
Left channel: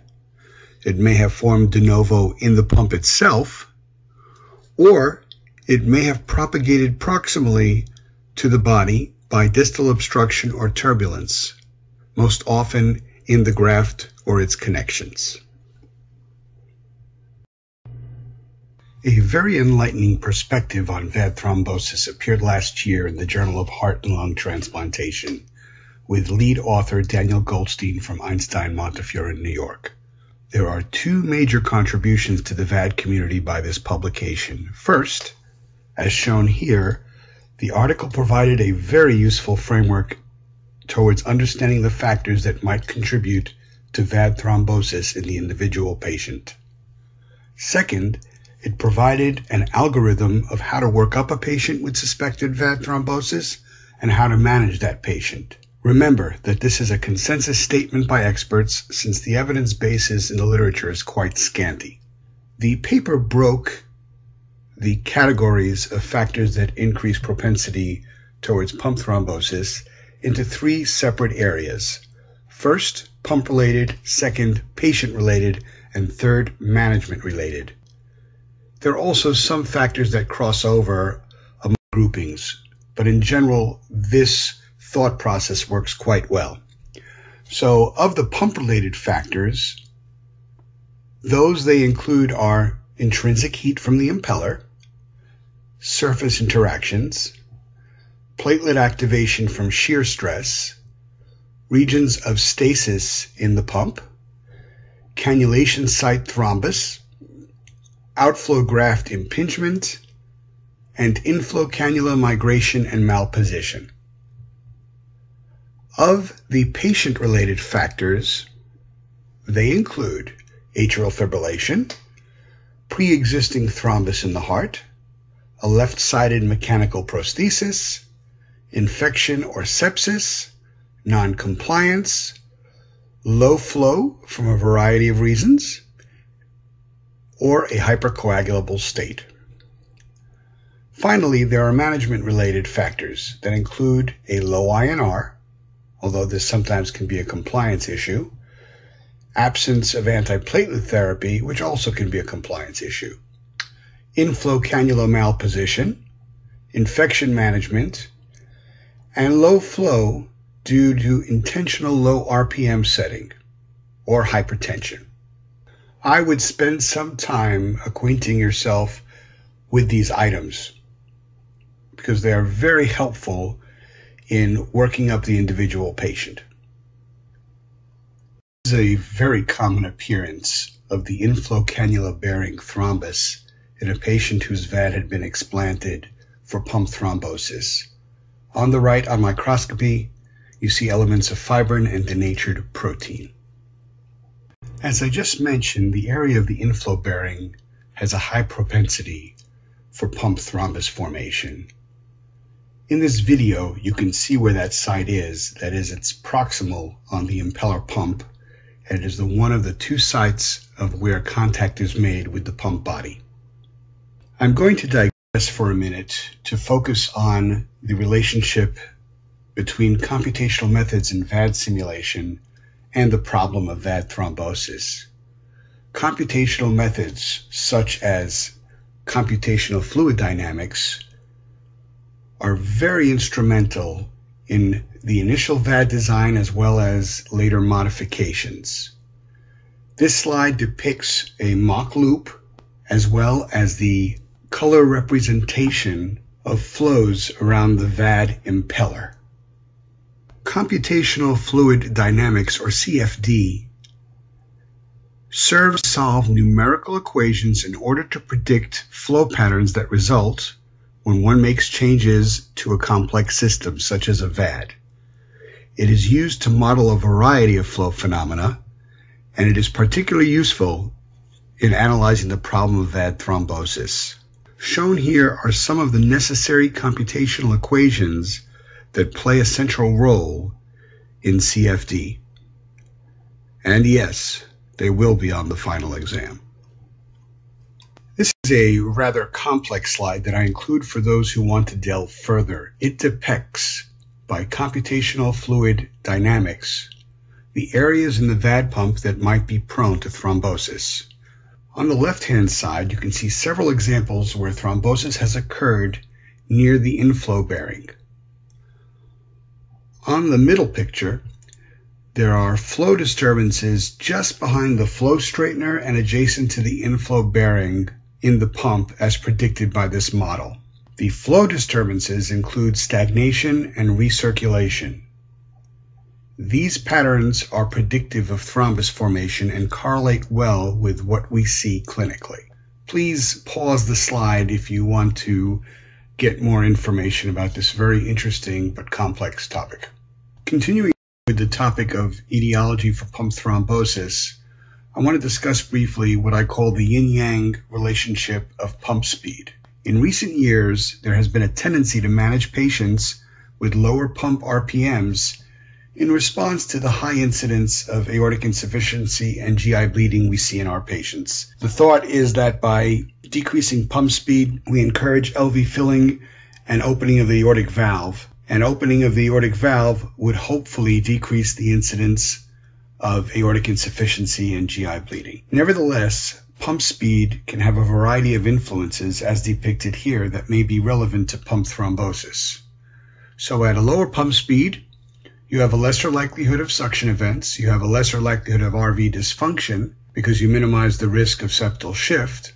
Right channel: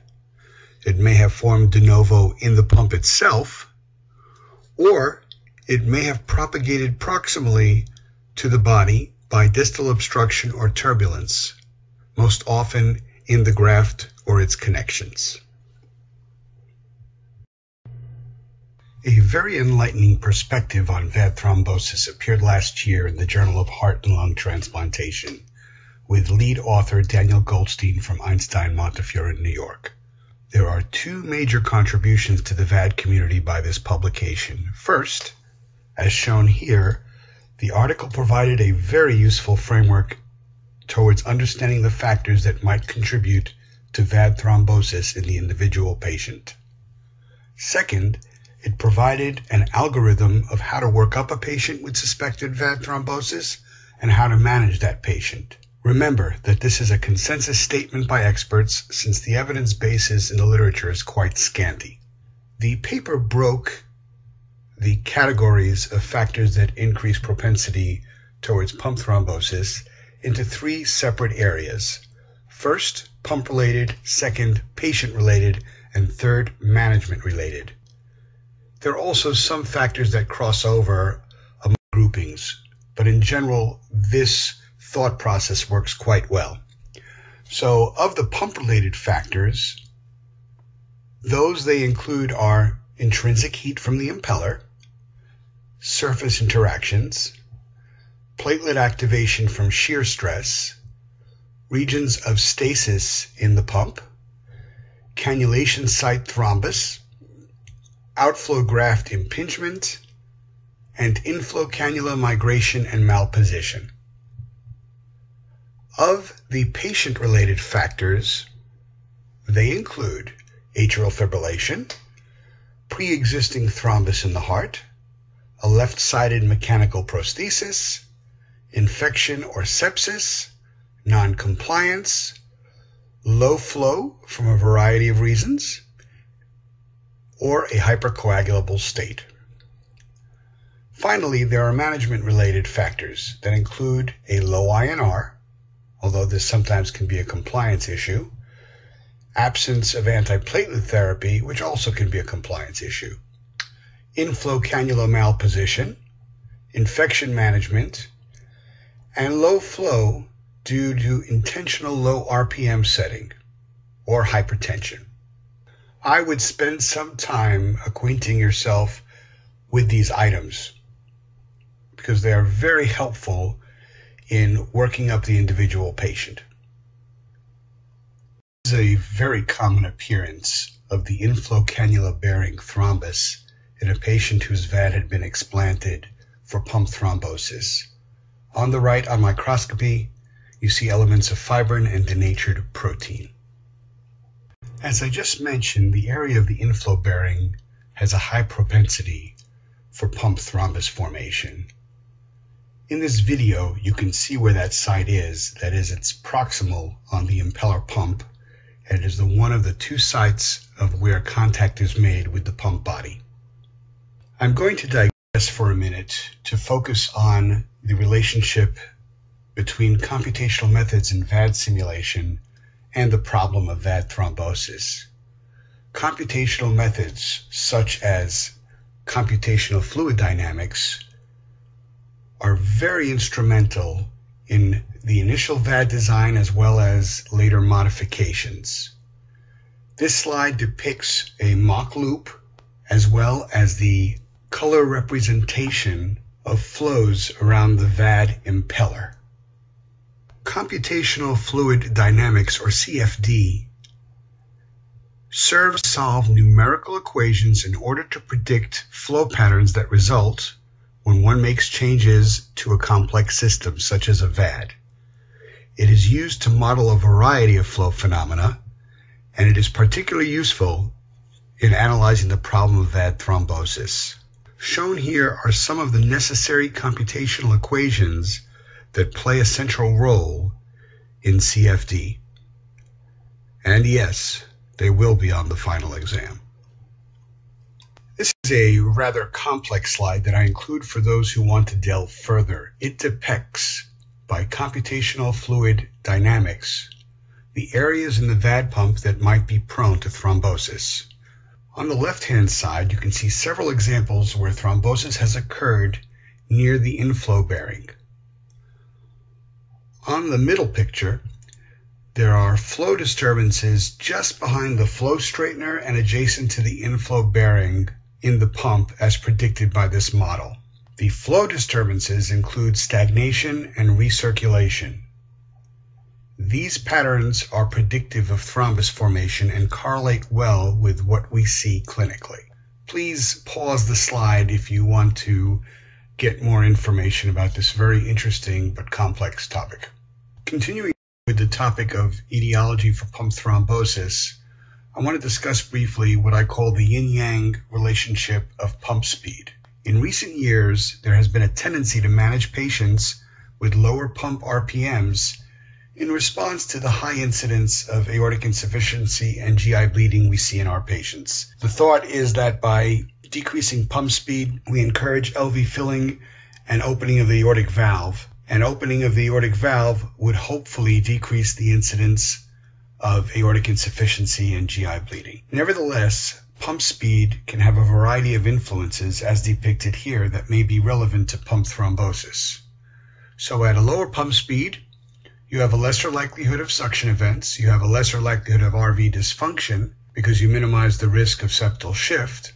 it may have formed de novo in the pump itself, or it may have propagated proximally to the body by distal obstruction or turbulence, most often in the graft or its connections. A very enlightening perspective on VAD thrombosis appeared last year in the Journal of Heart and Lung Transplantation with lead author Daniel Goldstein from Einstein Montefiore in New York. There are two major contributions to the VAD community by this publication. First, as shown here, the article provided a very useful framework towards understanding the factors that might contribute to VAD thrombosis in the individual patient. Second, it provided an algorithm of how to work up a patient with suspected VAD thrombosis and how to manage that patient. Remember that this is a consensus statement by experts since the evidence basis in the literature is quite scanty. The paper broke the categories of factors that increase propensity towards pump thrombosis into three separate areas. First, pump-related, second, patient-related, and third, management-related. There are also some factors that cross over among groupings, but in general, this thought process works quite well. So, of the pump-related factors, those they include are intrinsic heat from the impeller, surface interactions, platelet activation from shear stress, regions of stasis in the pump, cannulation site thrombus, outflow graft impingement, and inflow cannula migration and malposition. Of the patient-related factors, they include atrial fibrillation, preexisting thrombus in the heart, a left-sided mechanical prosthesis, infection or sepsis, non-compliance, low flow from a variety of reasons, or a hypercoagulable state. Finally, there are management-related factors that include a low INR, although this sometimes can be a compliance issue, absence of antiplatelet therapy, which also can be a compliance issue, inflow cannula malposition, infection management, and low flow due to intentional low RPM setting or hypertension. I would spend some time acquainting yourself with these items because they are very helpful in working up the individual patient. This is a very common appearance of the inflow cannula-bearing thrombus in a patient whose VAD had been explanted for pump thrombosis. On the right, on microscopy, you see elements of fibrin and denatured protein. As I just mentioned, the area of the inflow bearing has a high propensity for pump thrombus formation. In this video, you can see where that site is. That is, it's proximal on the impeller pump, and it is one of the two sites of where contact is made with the pump body. I'm going to digress for a minute to focus on the relationship between computational methods in VAD simulation and the problem of VAD thrombosis. Computational methods such as computational fluid dynamics are very instrumental in the initial VAD design as well as later modifications. This slide depicts a mock loop as well as the color representation of flows around the VAD impeller. Computational fluid dynamics, or CFD, serves to solve numerical equations in order to predict flow patterns that result when one makes changes to a complex system, such as a VAD. It is used to model a variety of flow phenomena, and it is particularly useful in analyzing the problem of VAD thrombosis. Shown here are some of the necessary computational equations that play a central role in CFD. And yes, they will be on the final exam. This is a rather complex slide that I include for those who want to delve further. It depicts, by computational fluid dynamics, the areas in the VAD pump that might be prone to thrombosis. On the left-hand side, you can see several examples where thrombosis has occurred near the inflow bearing. On the middle picture, there are flow disturbances just behind the flow straightener and adjacent to the inflow bearing in the pump as predicted by this model. The flow disturbances include stagnation and recirculation. These patterns are predictive of thrombus formation and correlate well with what we see clinically. Please pause the slide if you want to get more information about this very interesting but complex topic. Continuing with the topic of etiology for pump thrombosis, I want to discuss briefly what I call the yin-yang relationship of pump speed. In recent years, there has been a tendency to manage patients with lower pump RPMs in response to the high incidence of aortic insufficiency and GI bleeding we see in our patients. The thought is that by decreasing pump speed, we encourage LV filling and opening of the aortic valve, and opening of the aortic valve would hopefully decrease the incidence of aortic insufficiency and GI bleeding. Nevertheless, pump speed can have a variety of influences as depicted here that may be relevant to pump thrombosis. So at a lower pump speed, you have a lesser likelihood of suction events, you have a lesser likelihood of RV dysfunction because you minimize the risk of septal shift.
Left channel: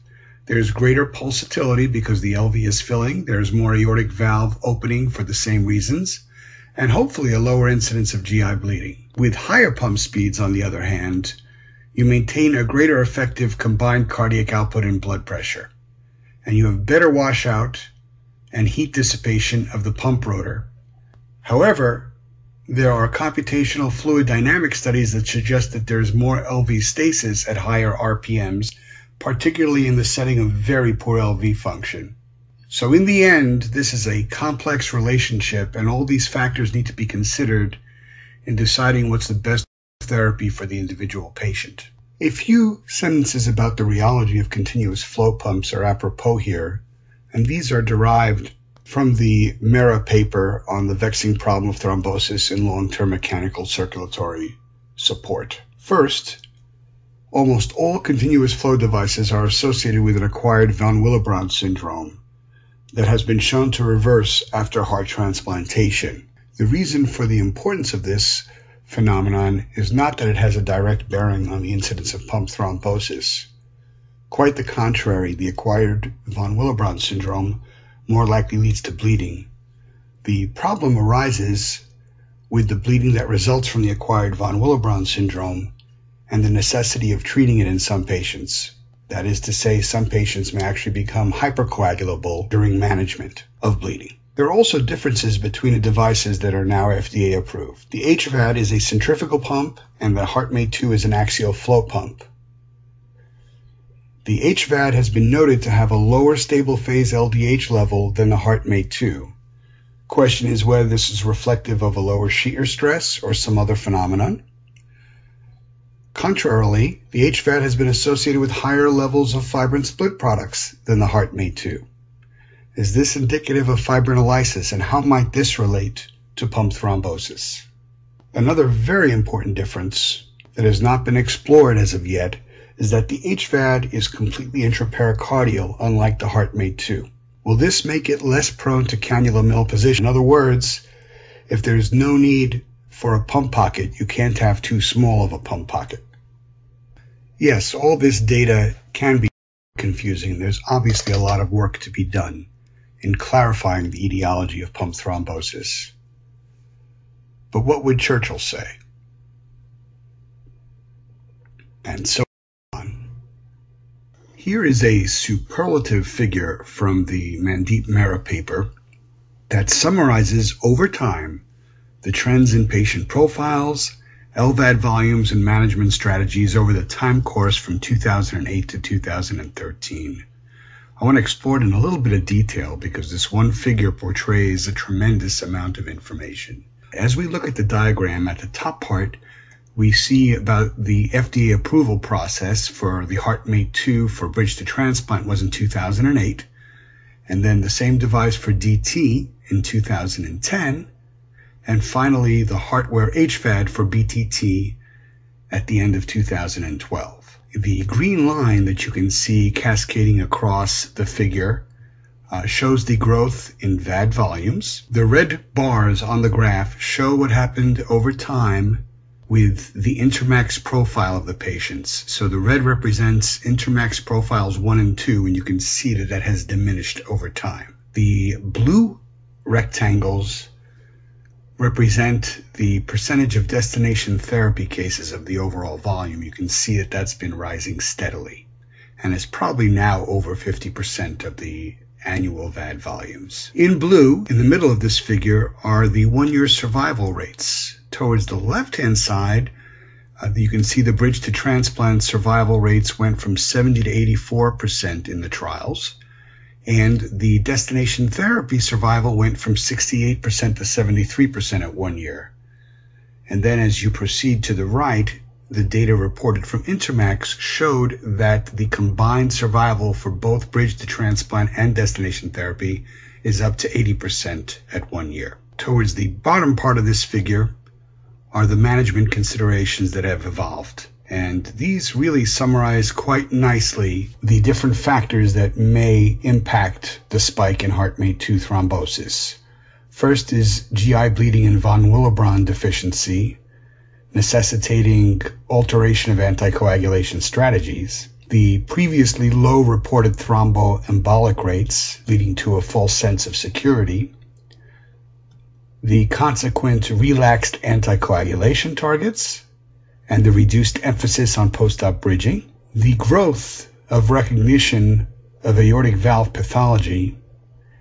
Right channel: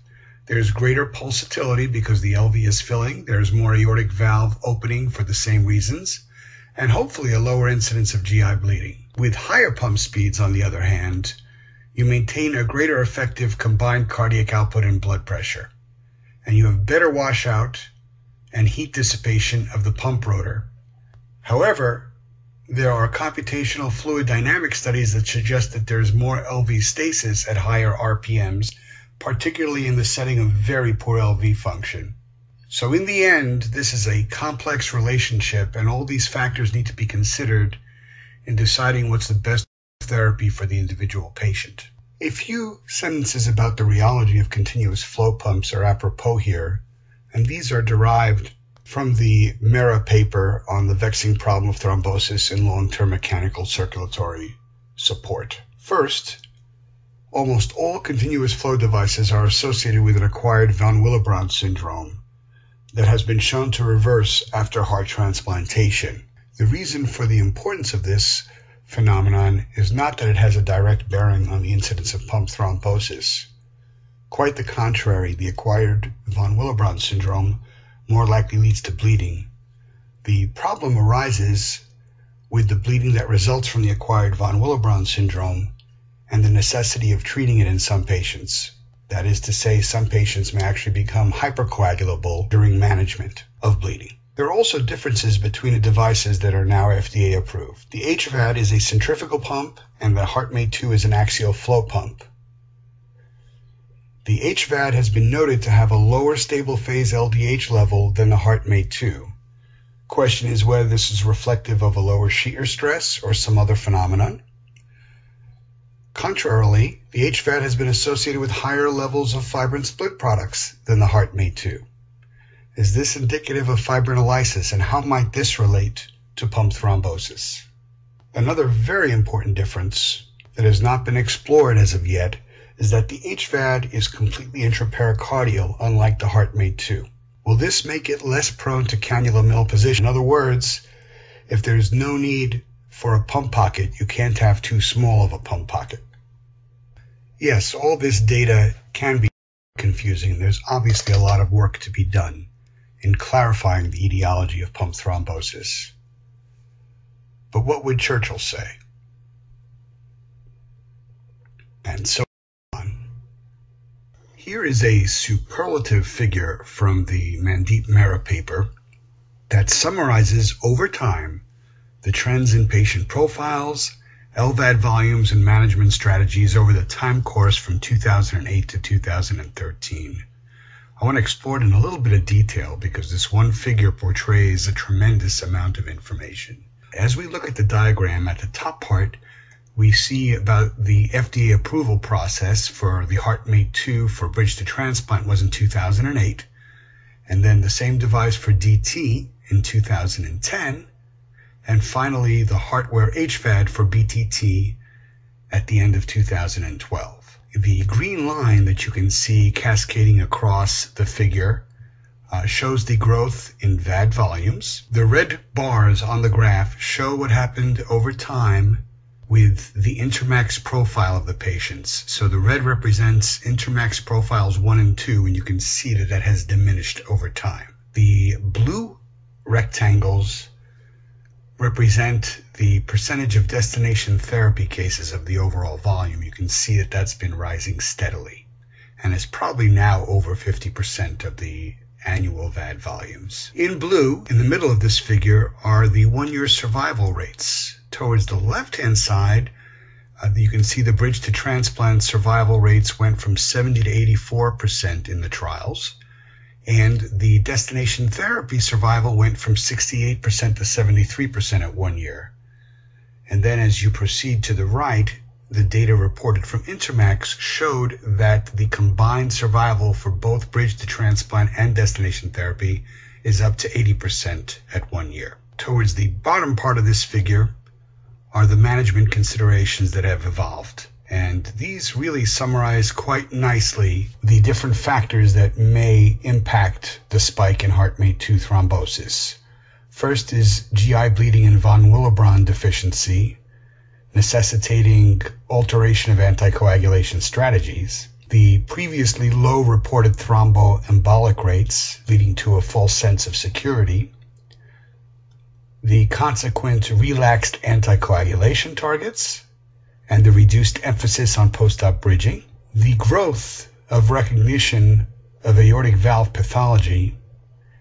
There's greater pulsatility because the LV is filling, there's more aortic valve opening for the same reasons, and hopefully a lower incidence of GI bleeding. With higher pump speeds, on the other hand, you maintain a greater effective combined cardiac output and blood pressure, and you have better washout and heat dissipation of the pump rotor. However, there are computational fluid dynamic studies that suggest that there's more LV stasis at higher RPMs, particularly in the setting of very poor LV function. So in the end, this is a complex relationship, and all these factors need to be considered in deciding what's the best therapy for the individual patient. A few sentences about the rheology of continuous flow pumps are apropos here, and these are derived from the Mera paper on the vexing problem of thrombosis in long-term mechanical circulatory support. First, almost all continuous flow devices are associated with an acquired von Willebrand syndrome that has been shown to reverse after heart transplantation. The reason for the importance of this phenomenon is not that it has a direct bearing on the incidence of pump thrombosis. Quite the contrary, the acquired von Willebrand syndrome more likely leads to bleeding. The problem arises with the bleeding that results from the acquired von Willebrand syndrome, and the necessity of treating it in some patients. That is to say, some patients may actually become hypercoagulable during management of bleeding. There are also differences between the devices that are now FDA approved. The HVAD is a centrifugal pump, and the HeartMate 2 is an axial flow pump. The HVAD has been noted to have a lower stable phase LDH level than the HeartMate 2. Question is whether this is reflective of a lower shear stress or some other phenomenon. Contrarily, the HVAD has been associated with higher levels of fibrin split products than the HeartMate 2. Is this indicative of fibrinolysis, and how might this relate to pump thrombosis? Another very important difference that has not been explored as of yet is that the HVAD is completely intrapericardial, unlike the HeartMate 2. Will this make it less prone to cannula malposition? In other words, if there's no need for a pump pocket, you can't have too small of a pump pocket. Yes, all this data can be confusing. There's obviously a lot of work to be done in clarifying the etiology of pump thrombosis. But what would Churchill say? And so on. Here is a superlative figure from the Mandeep Mehra paper that summarizes over time the trends in patient profiles, LVAD volumes, and management strategies over the time course from 2008 to 2013. I want to explore it in a little bit of detail because this one figure portrays a tremendous amount of information. As we look at the diagram, at the top part, we see about the FDA approval process for the HeartMate 2 for bridge to transplant was in 2008, and then the same device for DT in 2010, and finally the Heartware HVAD for BTT at the end of 2012. The green line that you can see cascading across the figure shows the growth in VAD volumes. The red bars on the graph show what happened over time with the intermax profile of the patients. So the red represents intermax profiles 1 and 2, and you can see that that has diminished over time. The blue rectangles represent the percentage of destination therapy cases of the overall volume. You can see that that's been rising steadily, and it's probably now over 50% of the annual VAD volumes. In blue, in the middle of this figure, are the 1-year survival rates. Towards the left-hand side, you can see the bridge to transplant survival rates went from 70 to 84% in the trials, and the destination therapy survival went from 68% to 73% at 1 year. And then as you proceed to the right, the data reported from Intermax showed that the combined survival for both bridge to transplant and destination therapy is up to 80% at 1 year. Towards the bottom part of this figure are the management considerations that have evolved. And these really summarize quite nicely the different factors that may impact the spike in HeartMate 2 thrombosis. First is GI bleeding and von Willebrand deficiency, necessitating alteration of anticoagulation strategies. The previously low reported thromboembolic rates, leading to a false sense of security. The consequent relaxed anticoagulation targets, and the reduced emphasis on post-op bridging. The growth of recognition of aortic valve pathology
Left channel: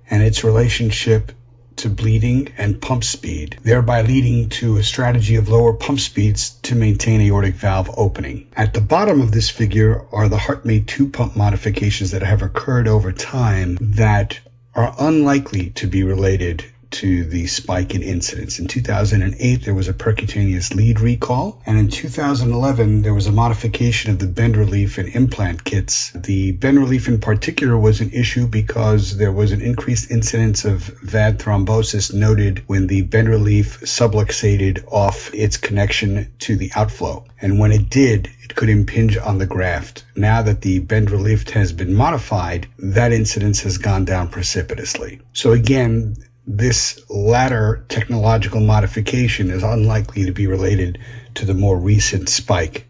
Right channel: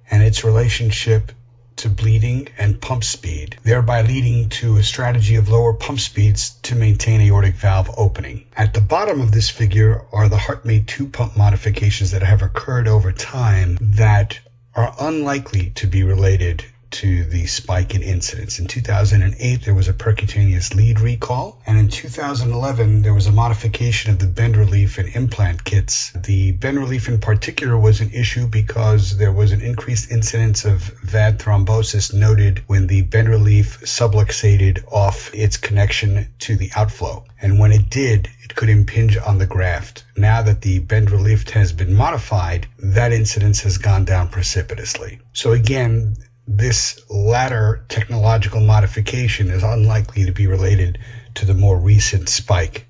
and its relationship to bleeding and pump speed, thereby leading to a strategy of lower pump speeds to maintain aortic valve opening. At the bottom of this figure are the HeartMate 2 pump modifications that have occurred over time that are unlikely to be related to the spike in incidence. In 2008, there was a percutaneous lead recall, and in 2011, there was a modification of the bend relief and implant kits. The bend relief in particular was an issue because there was an increased incidence of VAD thrombosis noted when the bend relief subluxated off its connection to the outflow. And when it did, it could impinge on the graft. Now that the bend relief has been modified, that incidence has gone down precipitously. So again, this latter technological modification is unlikely to be related to the more recent spike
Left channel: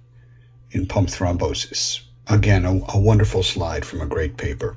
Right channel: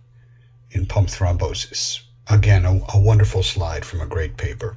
in pump thrombosis. Again, a wonderful slide from a great paper.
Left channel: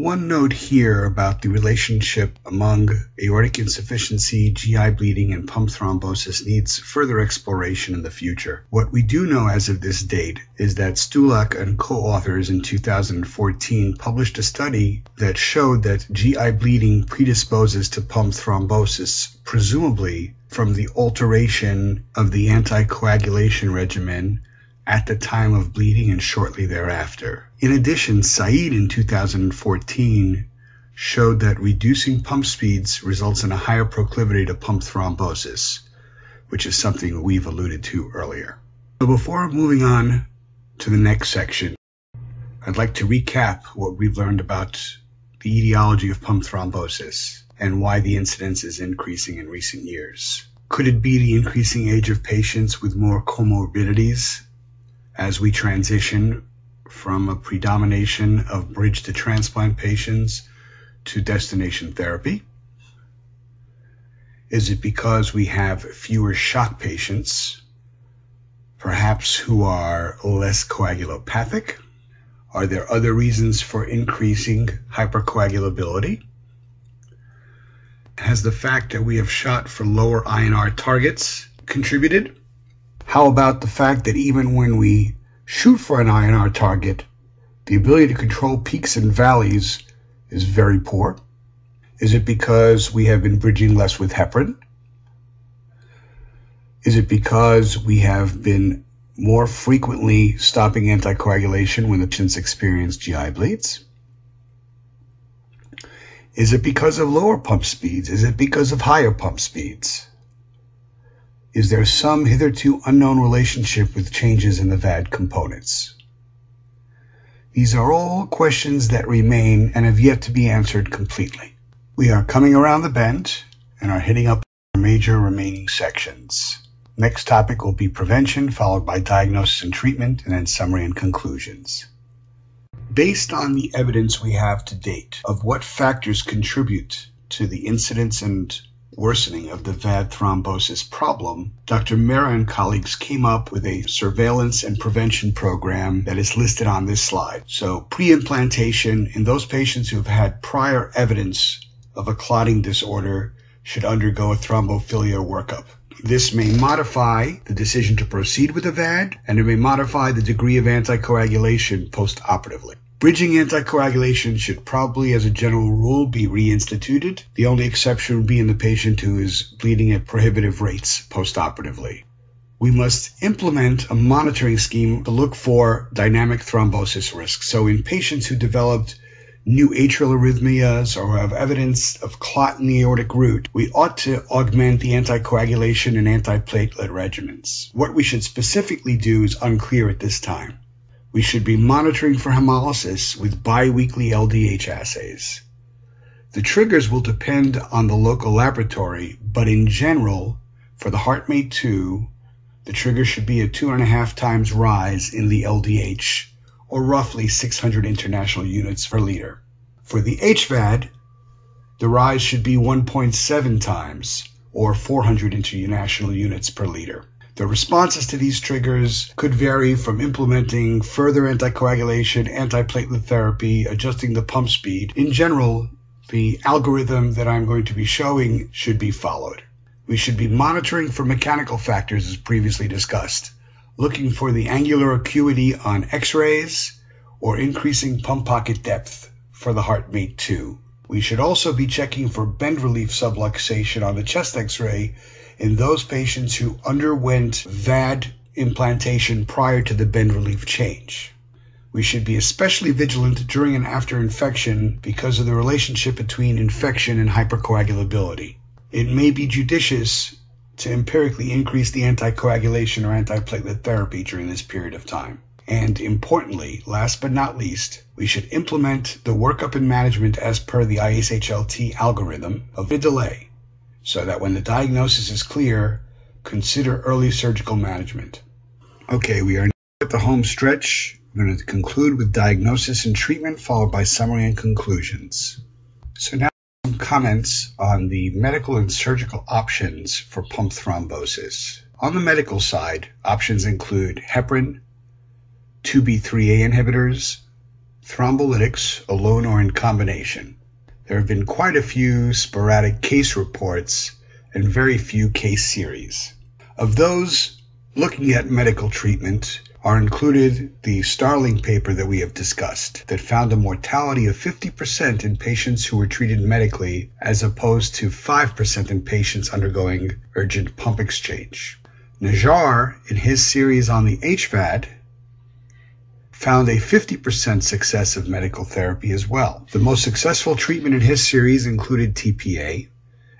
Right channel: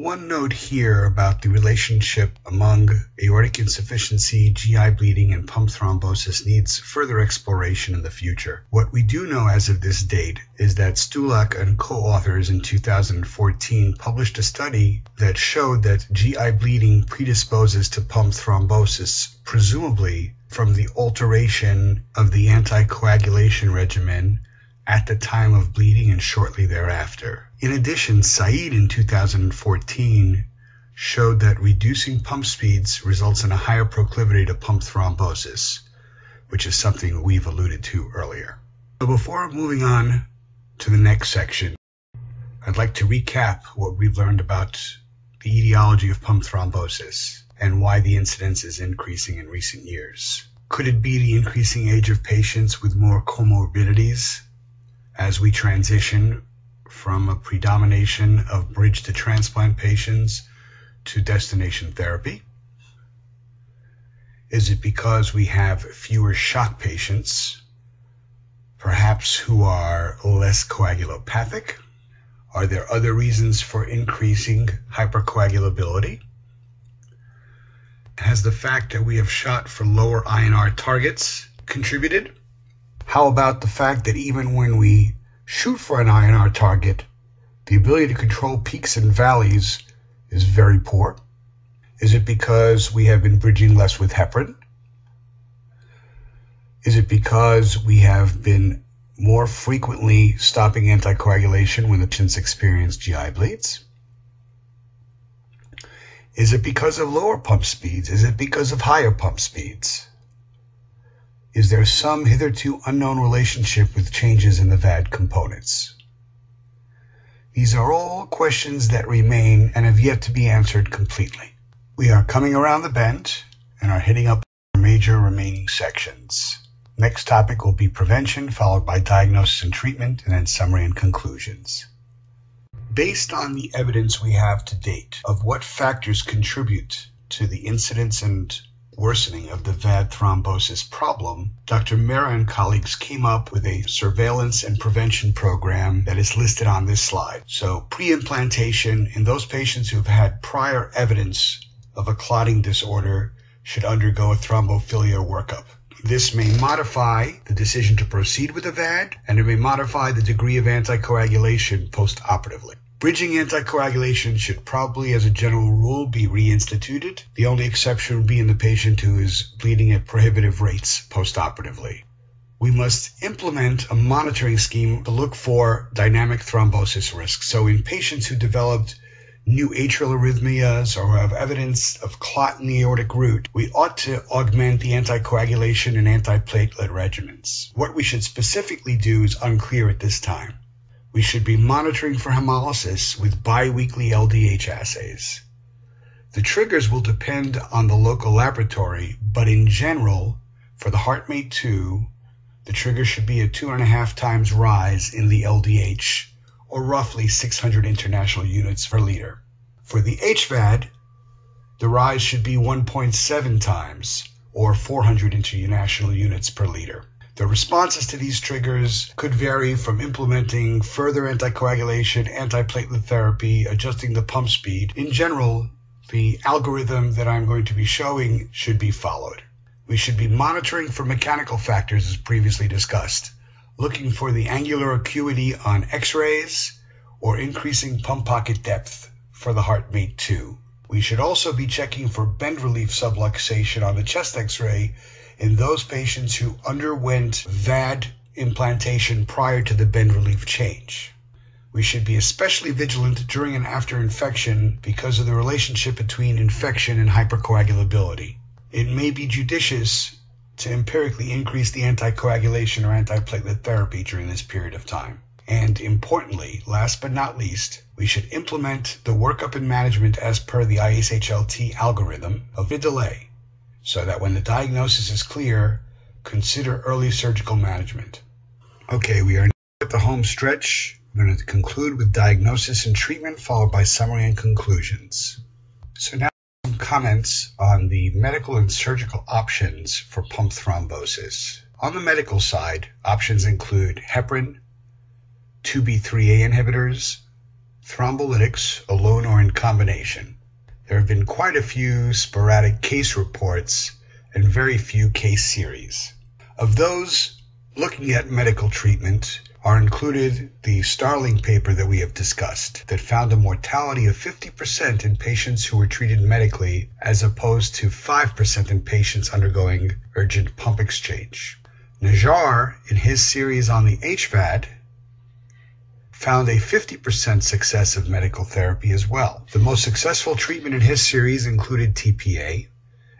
One note here about the relationship among aortic insufficiency, GI bleeding, and pump thrombosis needs further exploration in the future. What we do know as of this date is that Stulak and co-authors in 2014 published a study that showed that GI bleeding predisposes to pump thrombosis, presumably from the alteration of the anticoagulation regimen at the time of bleeding and shortly thereafter. In addition, Cite in 2014 showed that reducing pump speeds results in a higher proclivity to pump thrombosis, which is something we've alluded to earlier. So before moving on to the next section, I'd like to recap what we've learned about the etiology of pump thrombosis and why the incidence is increasing in recent years. Could it be the increasing age of patients with more comorbidities as we transition from a predomination of bridge to transplant patients to destination therapy? Is it because we have fewer shock patients, perhaps who are less coagulopathic? Are there other reasons for increasing hypercoagulability? Has the fact that we have shot for lower INR targets contributed? How about the fact that even when we shoot for an INR target, the ability to control peaks and valleys is very poor? Is it because we have been bridging less with heparin? Is it because we have been more frequently stopping anticoagulation when the patients experience GI bleeds? Is it because of lower pump speeds? Is it because of higher pump speeds? Is there some hitherto unknown relationship with changes in the VAD components? These are all questions that remain and have yet to be answered completely. We are coming around the bend and are hitting up our major remaining sections. Next topic will be prevention, followed by diagnosis and treatment, and then summary and conclusions. Based on the evidence we have to date of what factors contribute to the incidence and worsening of the VAD thrombosis problem, Dr. Mehra and colleagues came up with a surveillance and prevention program that is listed on this slide. So pre-implantation, in those patients who have had prior evidence of a clotting disorder, should undergo a thrombophilia workup. This may modify the decision to proceed with a VAD, and it may modify the degree of anticoagulation post-operatively. Bridging anticoagulation should probably, as a general rule, be reinstituted. The only exception would be in the patient who is bleeding at prohibitive rates post-operatively. We must implement a monitoring scheme to look for dynamic thrombosis risk. So in patients who developed new atrial arrhythmias or have evidence of clot in the aortic root, we ought to augment the anticoagulation and antiplatelet regimens. What we should specifically do is unclear at this time. We should be monitoring for hemolysis with biweekly LDH assays. The triggers will depend on the local laboratory, but in general, for the HeartMate 2, the trigger should be a 2.5 times rise in the LDH, or roughly 600 international units per liter. For the HVAD, the rise should be 1.7 times, or 400 international units per liter. The responses to these triggers could vary from implementing further anticoagulation, antiplatelet therapy, adjusting the pump speed. In general, the algorithm that I'm going to be showing should be followed. We should be monitoring for mechanical factors as previously discussed, looking for the angular acuity on X-rays or increasing pump pocket depth for the HeartMate 2. We should also be checking for bend relief subluxation on the chest X-ray in those patients who underwent VAD implantation prior to the bend relief change. We should be especially vigilant during and after infection because of the relationship between infection and hypercoagulability. It may be judicious to empirically increase the anticoagulation or antiplatelet therapy during this period of time. And importantly, last but not least, we should implement the workup and management as per the ISHLT algorithm of riddle A, so that when the diagnosis is clear, consider early surgical management. Okay, we are now at the home stretch. I'm going to conclude with diagnosis and treatment, followed by summary and conclusions. So now some comments on the medical and surgical options for pump thrombosis. On the medical side, options include heparin, 2B3A inhibitors, thrombolytics, alone or in combination. There have been quite a few sporadic case reports and very few case series. Of those looking at medical treatment are included the Starling paper that we have discussed that found a mortality of 50% in patients who were treated medically as opposed to 5% in patients undergoing urgent pump exchange. Najjar, in his series on the HVAD, found a 50% success of medical therapy as well. The most successful treatment in his series included TPA,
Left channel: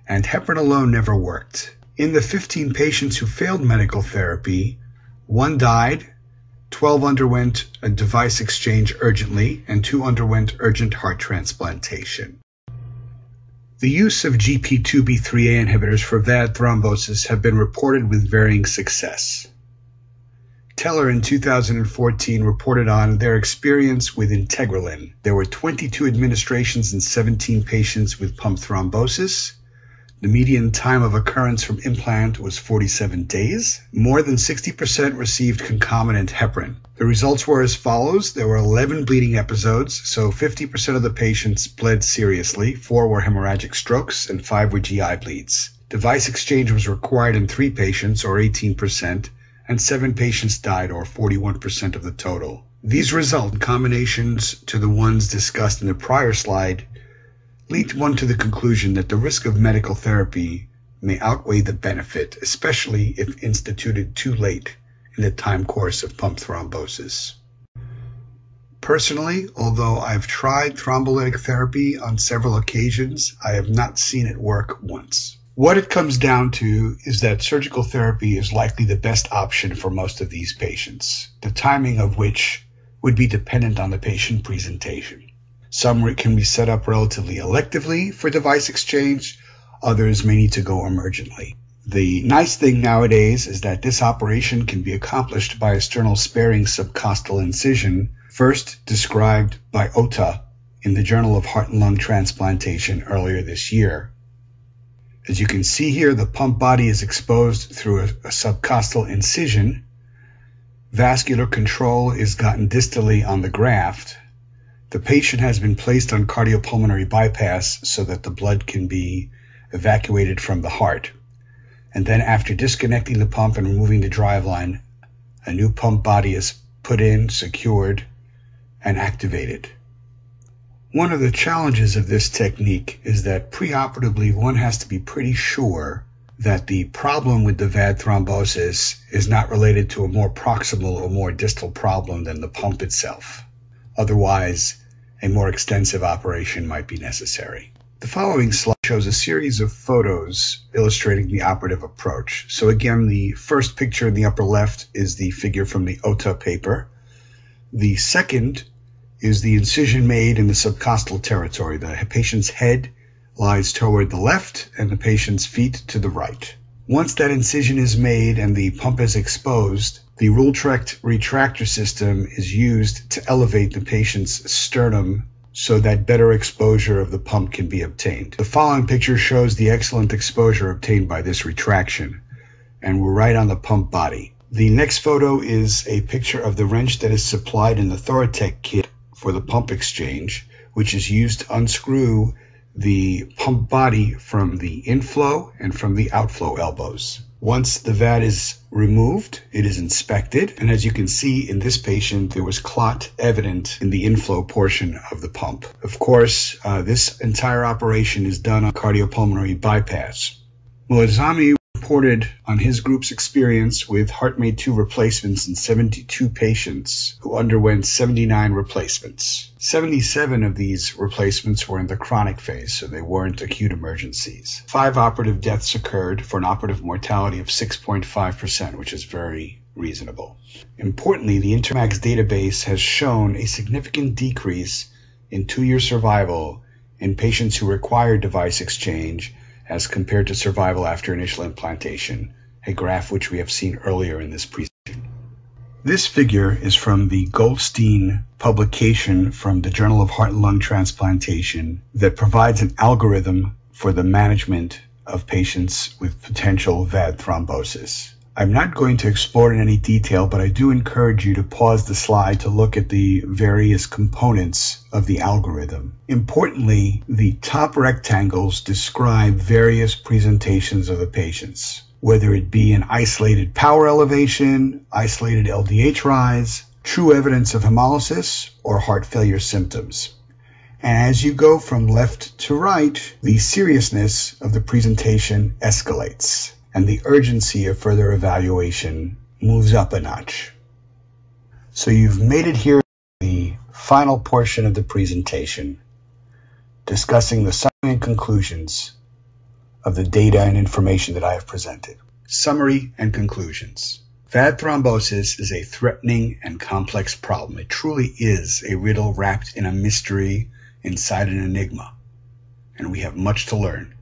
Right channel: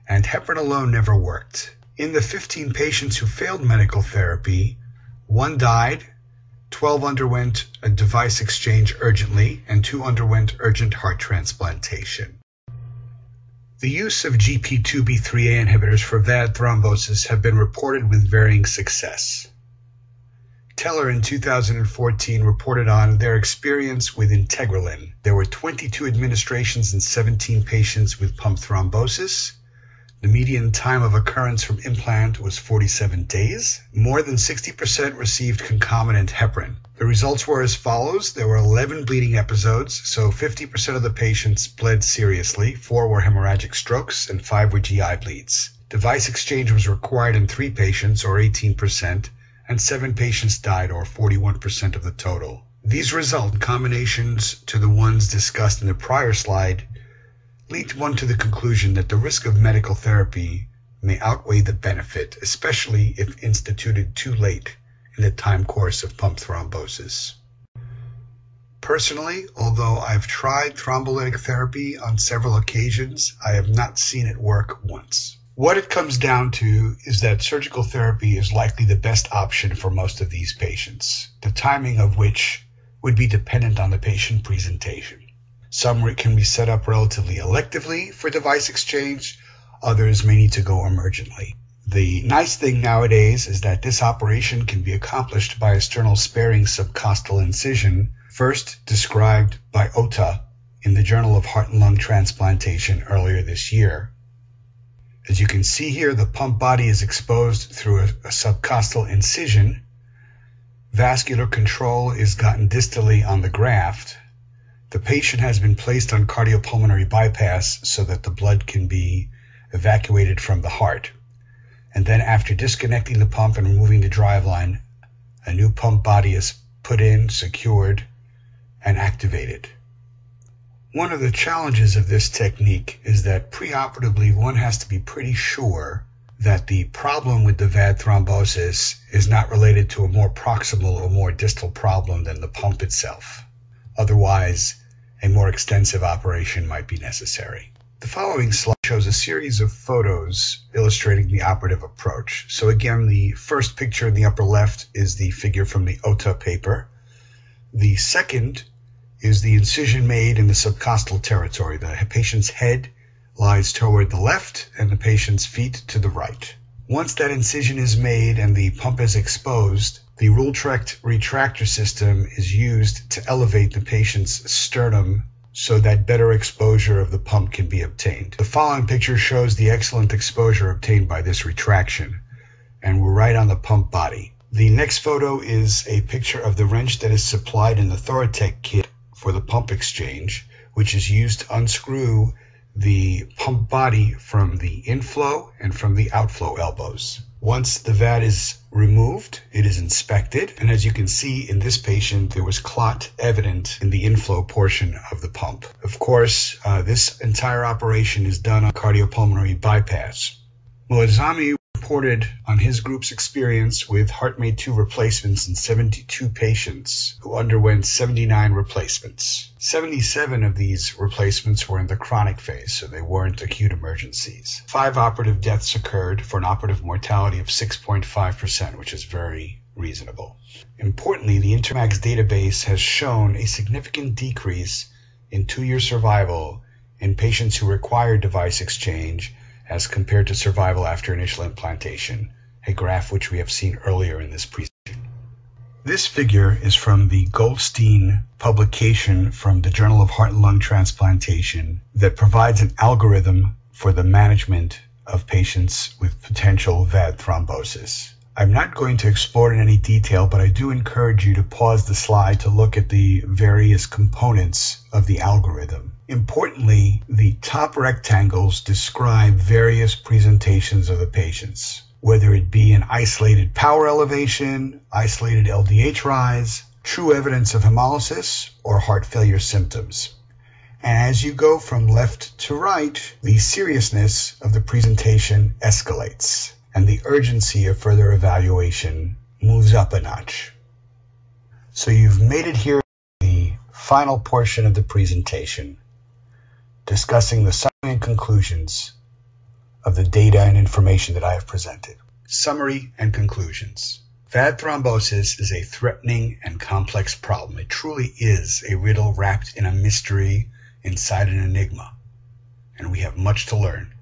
and heparin alone never worked. In the 15 patients who failed medical therapy, 1 died, 12 underwent a device exchange urgently, and 2 underwent urgent heart transplantation. The use of GP2B3A inhibitors for VAD thrombosis have been reported with varying success. Teller in 2014 reported on their experience with integralin. There were 22 administrations in 17 patients with pump thrombosis. The median time of occurrence from implant was 47 days. More than 60% received concomitant heparin. The results were as follows. There were 11 bleeding episodes, so 50% of the patients bled seriously, 4 were hemorrhagic strokes, and 5 were GI bleeds. Device exchange was required in 3 patients, or 18%, and 7 patients died, or 41% of the total. These results, in combinations to the ones discussed in the prior slide, lead one to the conclusion that the risk of medical therapy may outweigh the benefit, especially if instituted too late in the time course of pump thrombosis. Personally, although I've tried thrombolytic therapy on several occasions, I have not seen it work once. What it comes down to is that surgical therapy is likely the best option for most of these patients, the timing of which would be dependent on the patient presentation. Some can be set up relatively electively for device exchange, others may need to go emergently. The nice thing nowadays is that this operation can be accomplished by a sternal sparing subcostal incision, first described by Ota in the Journal of Heart and Lung Transplantation earlier this year. As you can see here, the pump body is exposed through a subcostal incision. Vascular control is gotten distally on the graft. The patient has been placed on cardiopulmonary bypass so that the blood can be evacuated from the heart. And then after disconnecting the pump and removing the driveline, a new pump body is put in, secured, and activated. One of the challenges of this technique is that preoperatively one has to be pretty sure that the problem with the VAD thrombosis is not related to a more proximal or more distal problem than the pump itself. Otherwise, a more extensive operation might be necessary. The following slide shows a series of photos illustrating the operative approach. So again, the first picture in the upper left is the figure from the Ota paper. The second is the incision made in the subcostal territory. The patient's head lies toward the left and the patient's feet to the right. Once that incision is made and the pump is exposed, the Rultrect retractor system is used to elevate the patient's sternum so that better exposure of the pump can be obtained. The following picture shows the excellent exposure obtained by this retraction, and we're right on the pump body. The next photo is a picture of the wrench that is supplied in the Thoratec kit for the pump exchange, which is used to unscrew the pump body from the inflow and from the outflow elbows. Once the VAD is removed, it is inspected, and as you can see in this patient, there was clot evident in the inflow portion of the pump. Of course, this entire operation is done on cardiopulmonary bypass. Muazzami reported on his group's experience with HeartMate 2 replacements in 72 patients who underwent 79 replacements. 77 of these replacements were in the chronic phase, so they weren't acute emergencies. 5 operative deaths occurred for an operative mortality of 6.5%, which is very reasonable. Importantly, the Intermax database has shown a significant decrease in 2-year survival in patients who require device exchange as compared to survival after initial implantation, a graph which we have seen earlier in this presentation. This figure is from the Goldstein publication from the Journal of Heart and Lung Transplantation that provides an algorithm for the management of patients with potential VAD thrombosis. I'm not going to explore it in any detail, but I do encourage you to pause the slide to look at the various components of the algorithm. Importantly, the top rectangles describe various presentations of the patients, whether it be an isolated power elevation, isolated LDH rise, true evidence of hemolysis, or heart failure symptoms. And as you go from left to right, the seriousness of the presentation escalates, and the urgency of further evaluation moves up a notch. So you've made it here to the final portion of the presentation, discussing the summary and conclusions of the data and information that I have presented. Summary and conclusions. VAD thrombosis is a threatening and complex problem. It truly is a riddle wrapped in a mystery inside an enigma, and we have much to learn.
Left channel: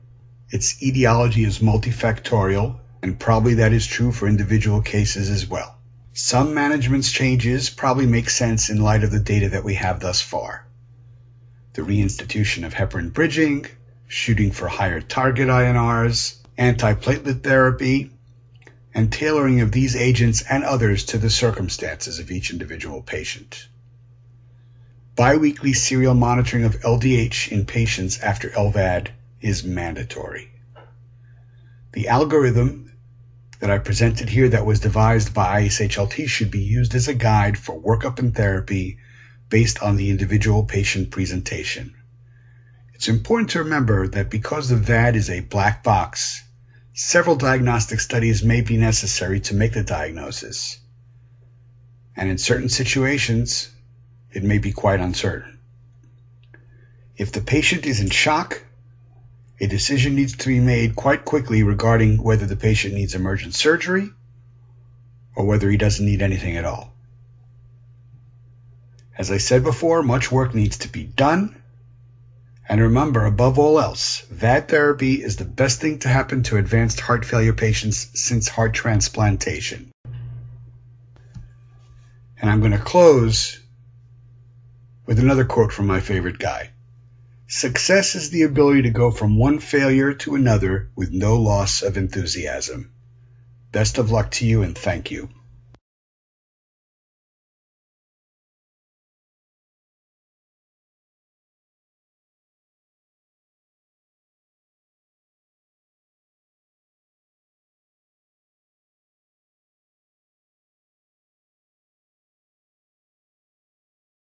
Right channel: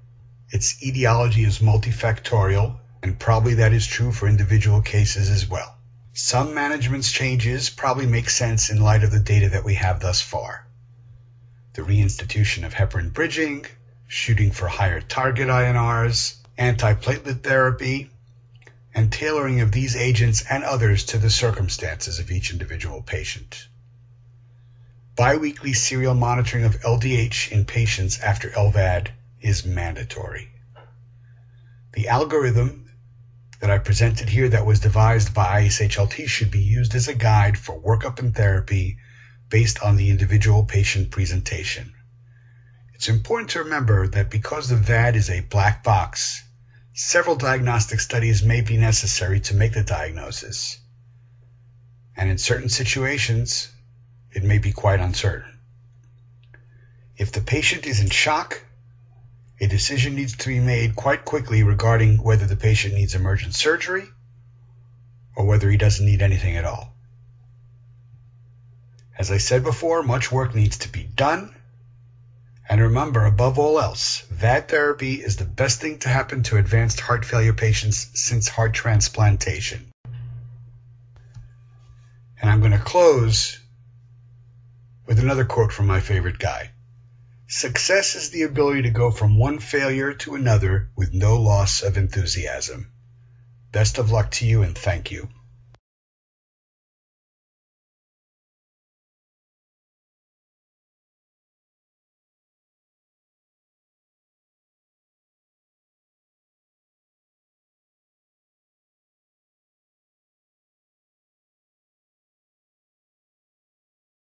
Its etiology is multifactorial, and probably that is true for individual cases as well. Some management changes probably make sense in light of the data that we have thus far. The reinstitution of heparin bridging, shooting for higher target INRs, antiplatelet therapy, and tailoring of these agents and others to the circumstances of each individual patient. Biweekly serial monitoring of LDH in patients after LVAD is mandatory. The algorithm that I presented here that was devised by ICE-HLT should be used as a guide for workup and therapy based on the individual patient presentation. It's important to remember that because the VAD is a black box, several diagnostic studies may be necessary to make the diagnosis, and in certain situations, it may be quite uncertain. If the patient is in shock, a decision needs to be made quite quickly regarding whether the patient needs emergent surgery or whether he doesn't need anything at all. As I said before, much work needs to be done. And remember, above all else, VAD therapy is the best thing to happen to advanced heart failure patients since heart transplantation. And I'm going to close with another quote from my favorite guy. Success is the ability to go from one failure to another with no loss of enthusiasm. Best of luck to you, and thank you.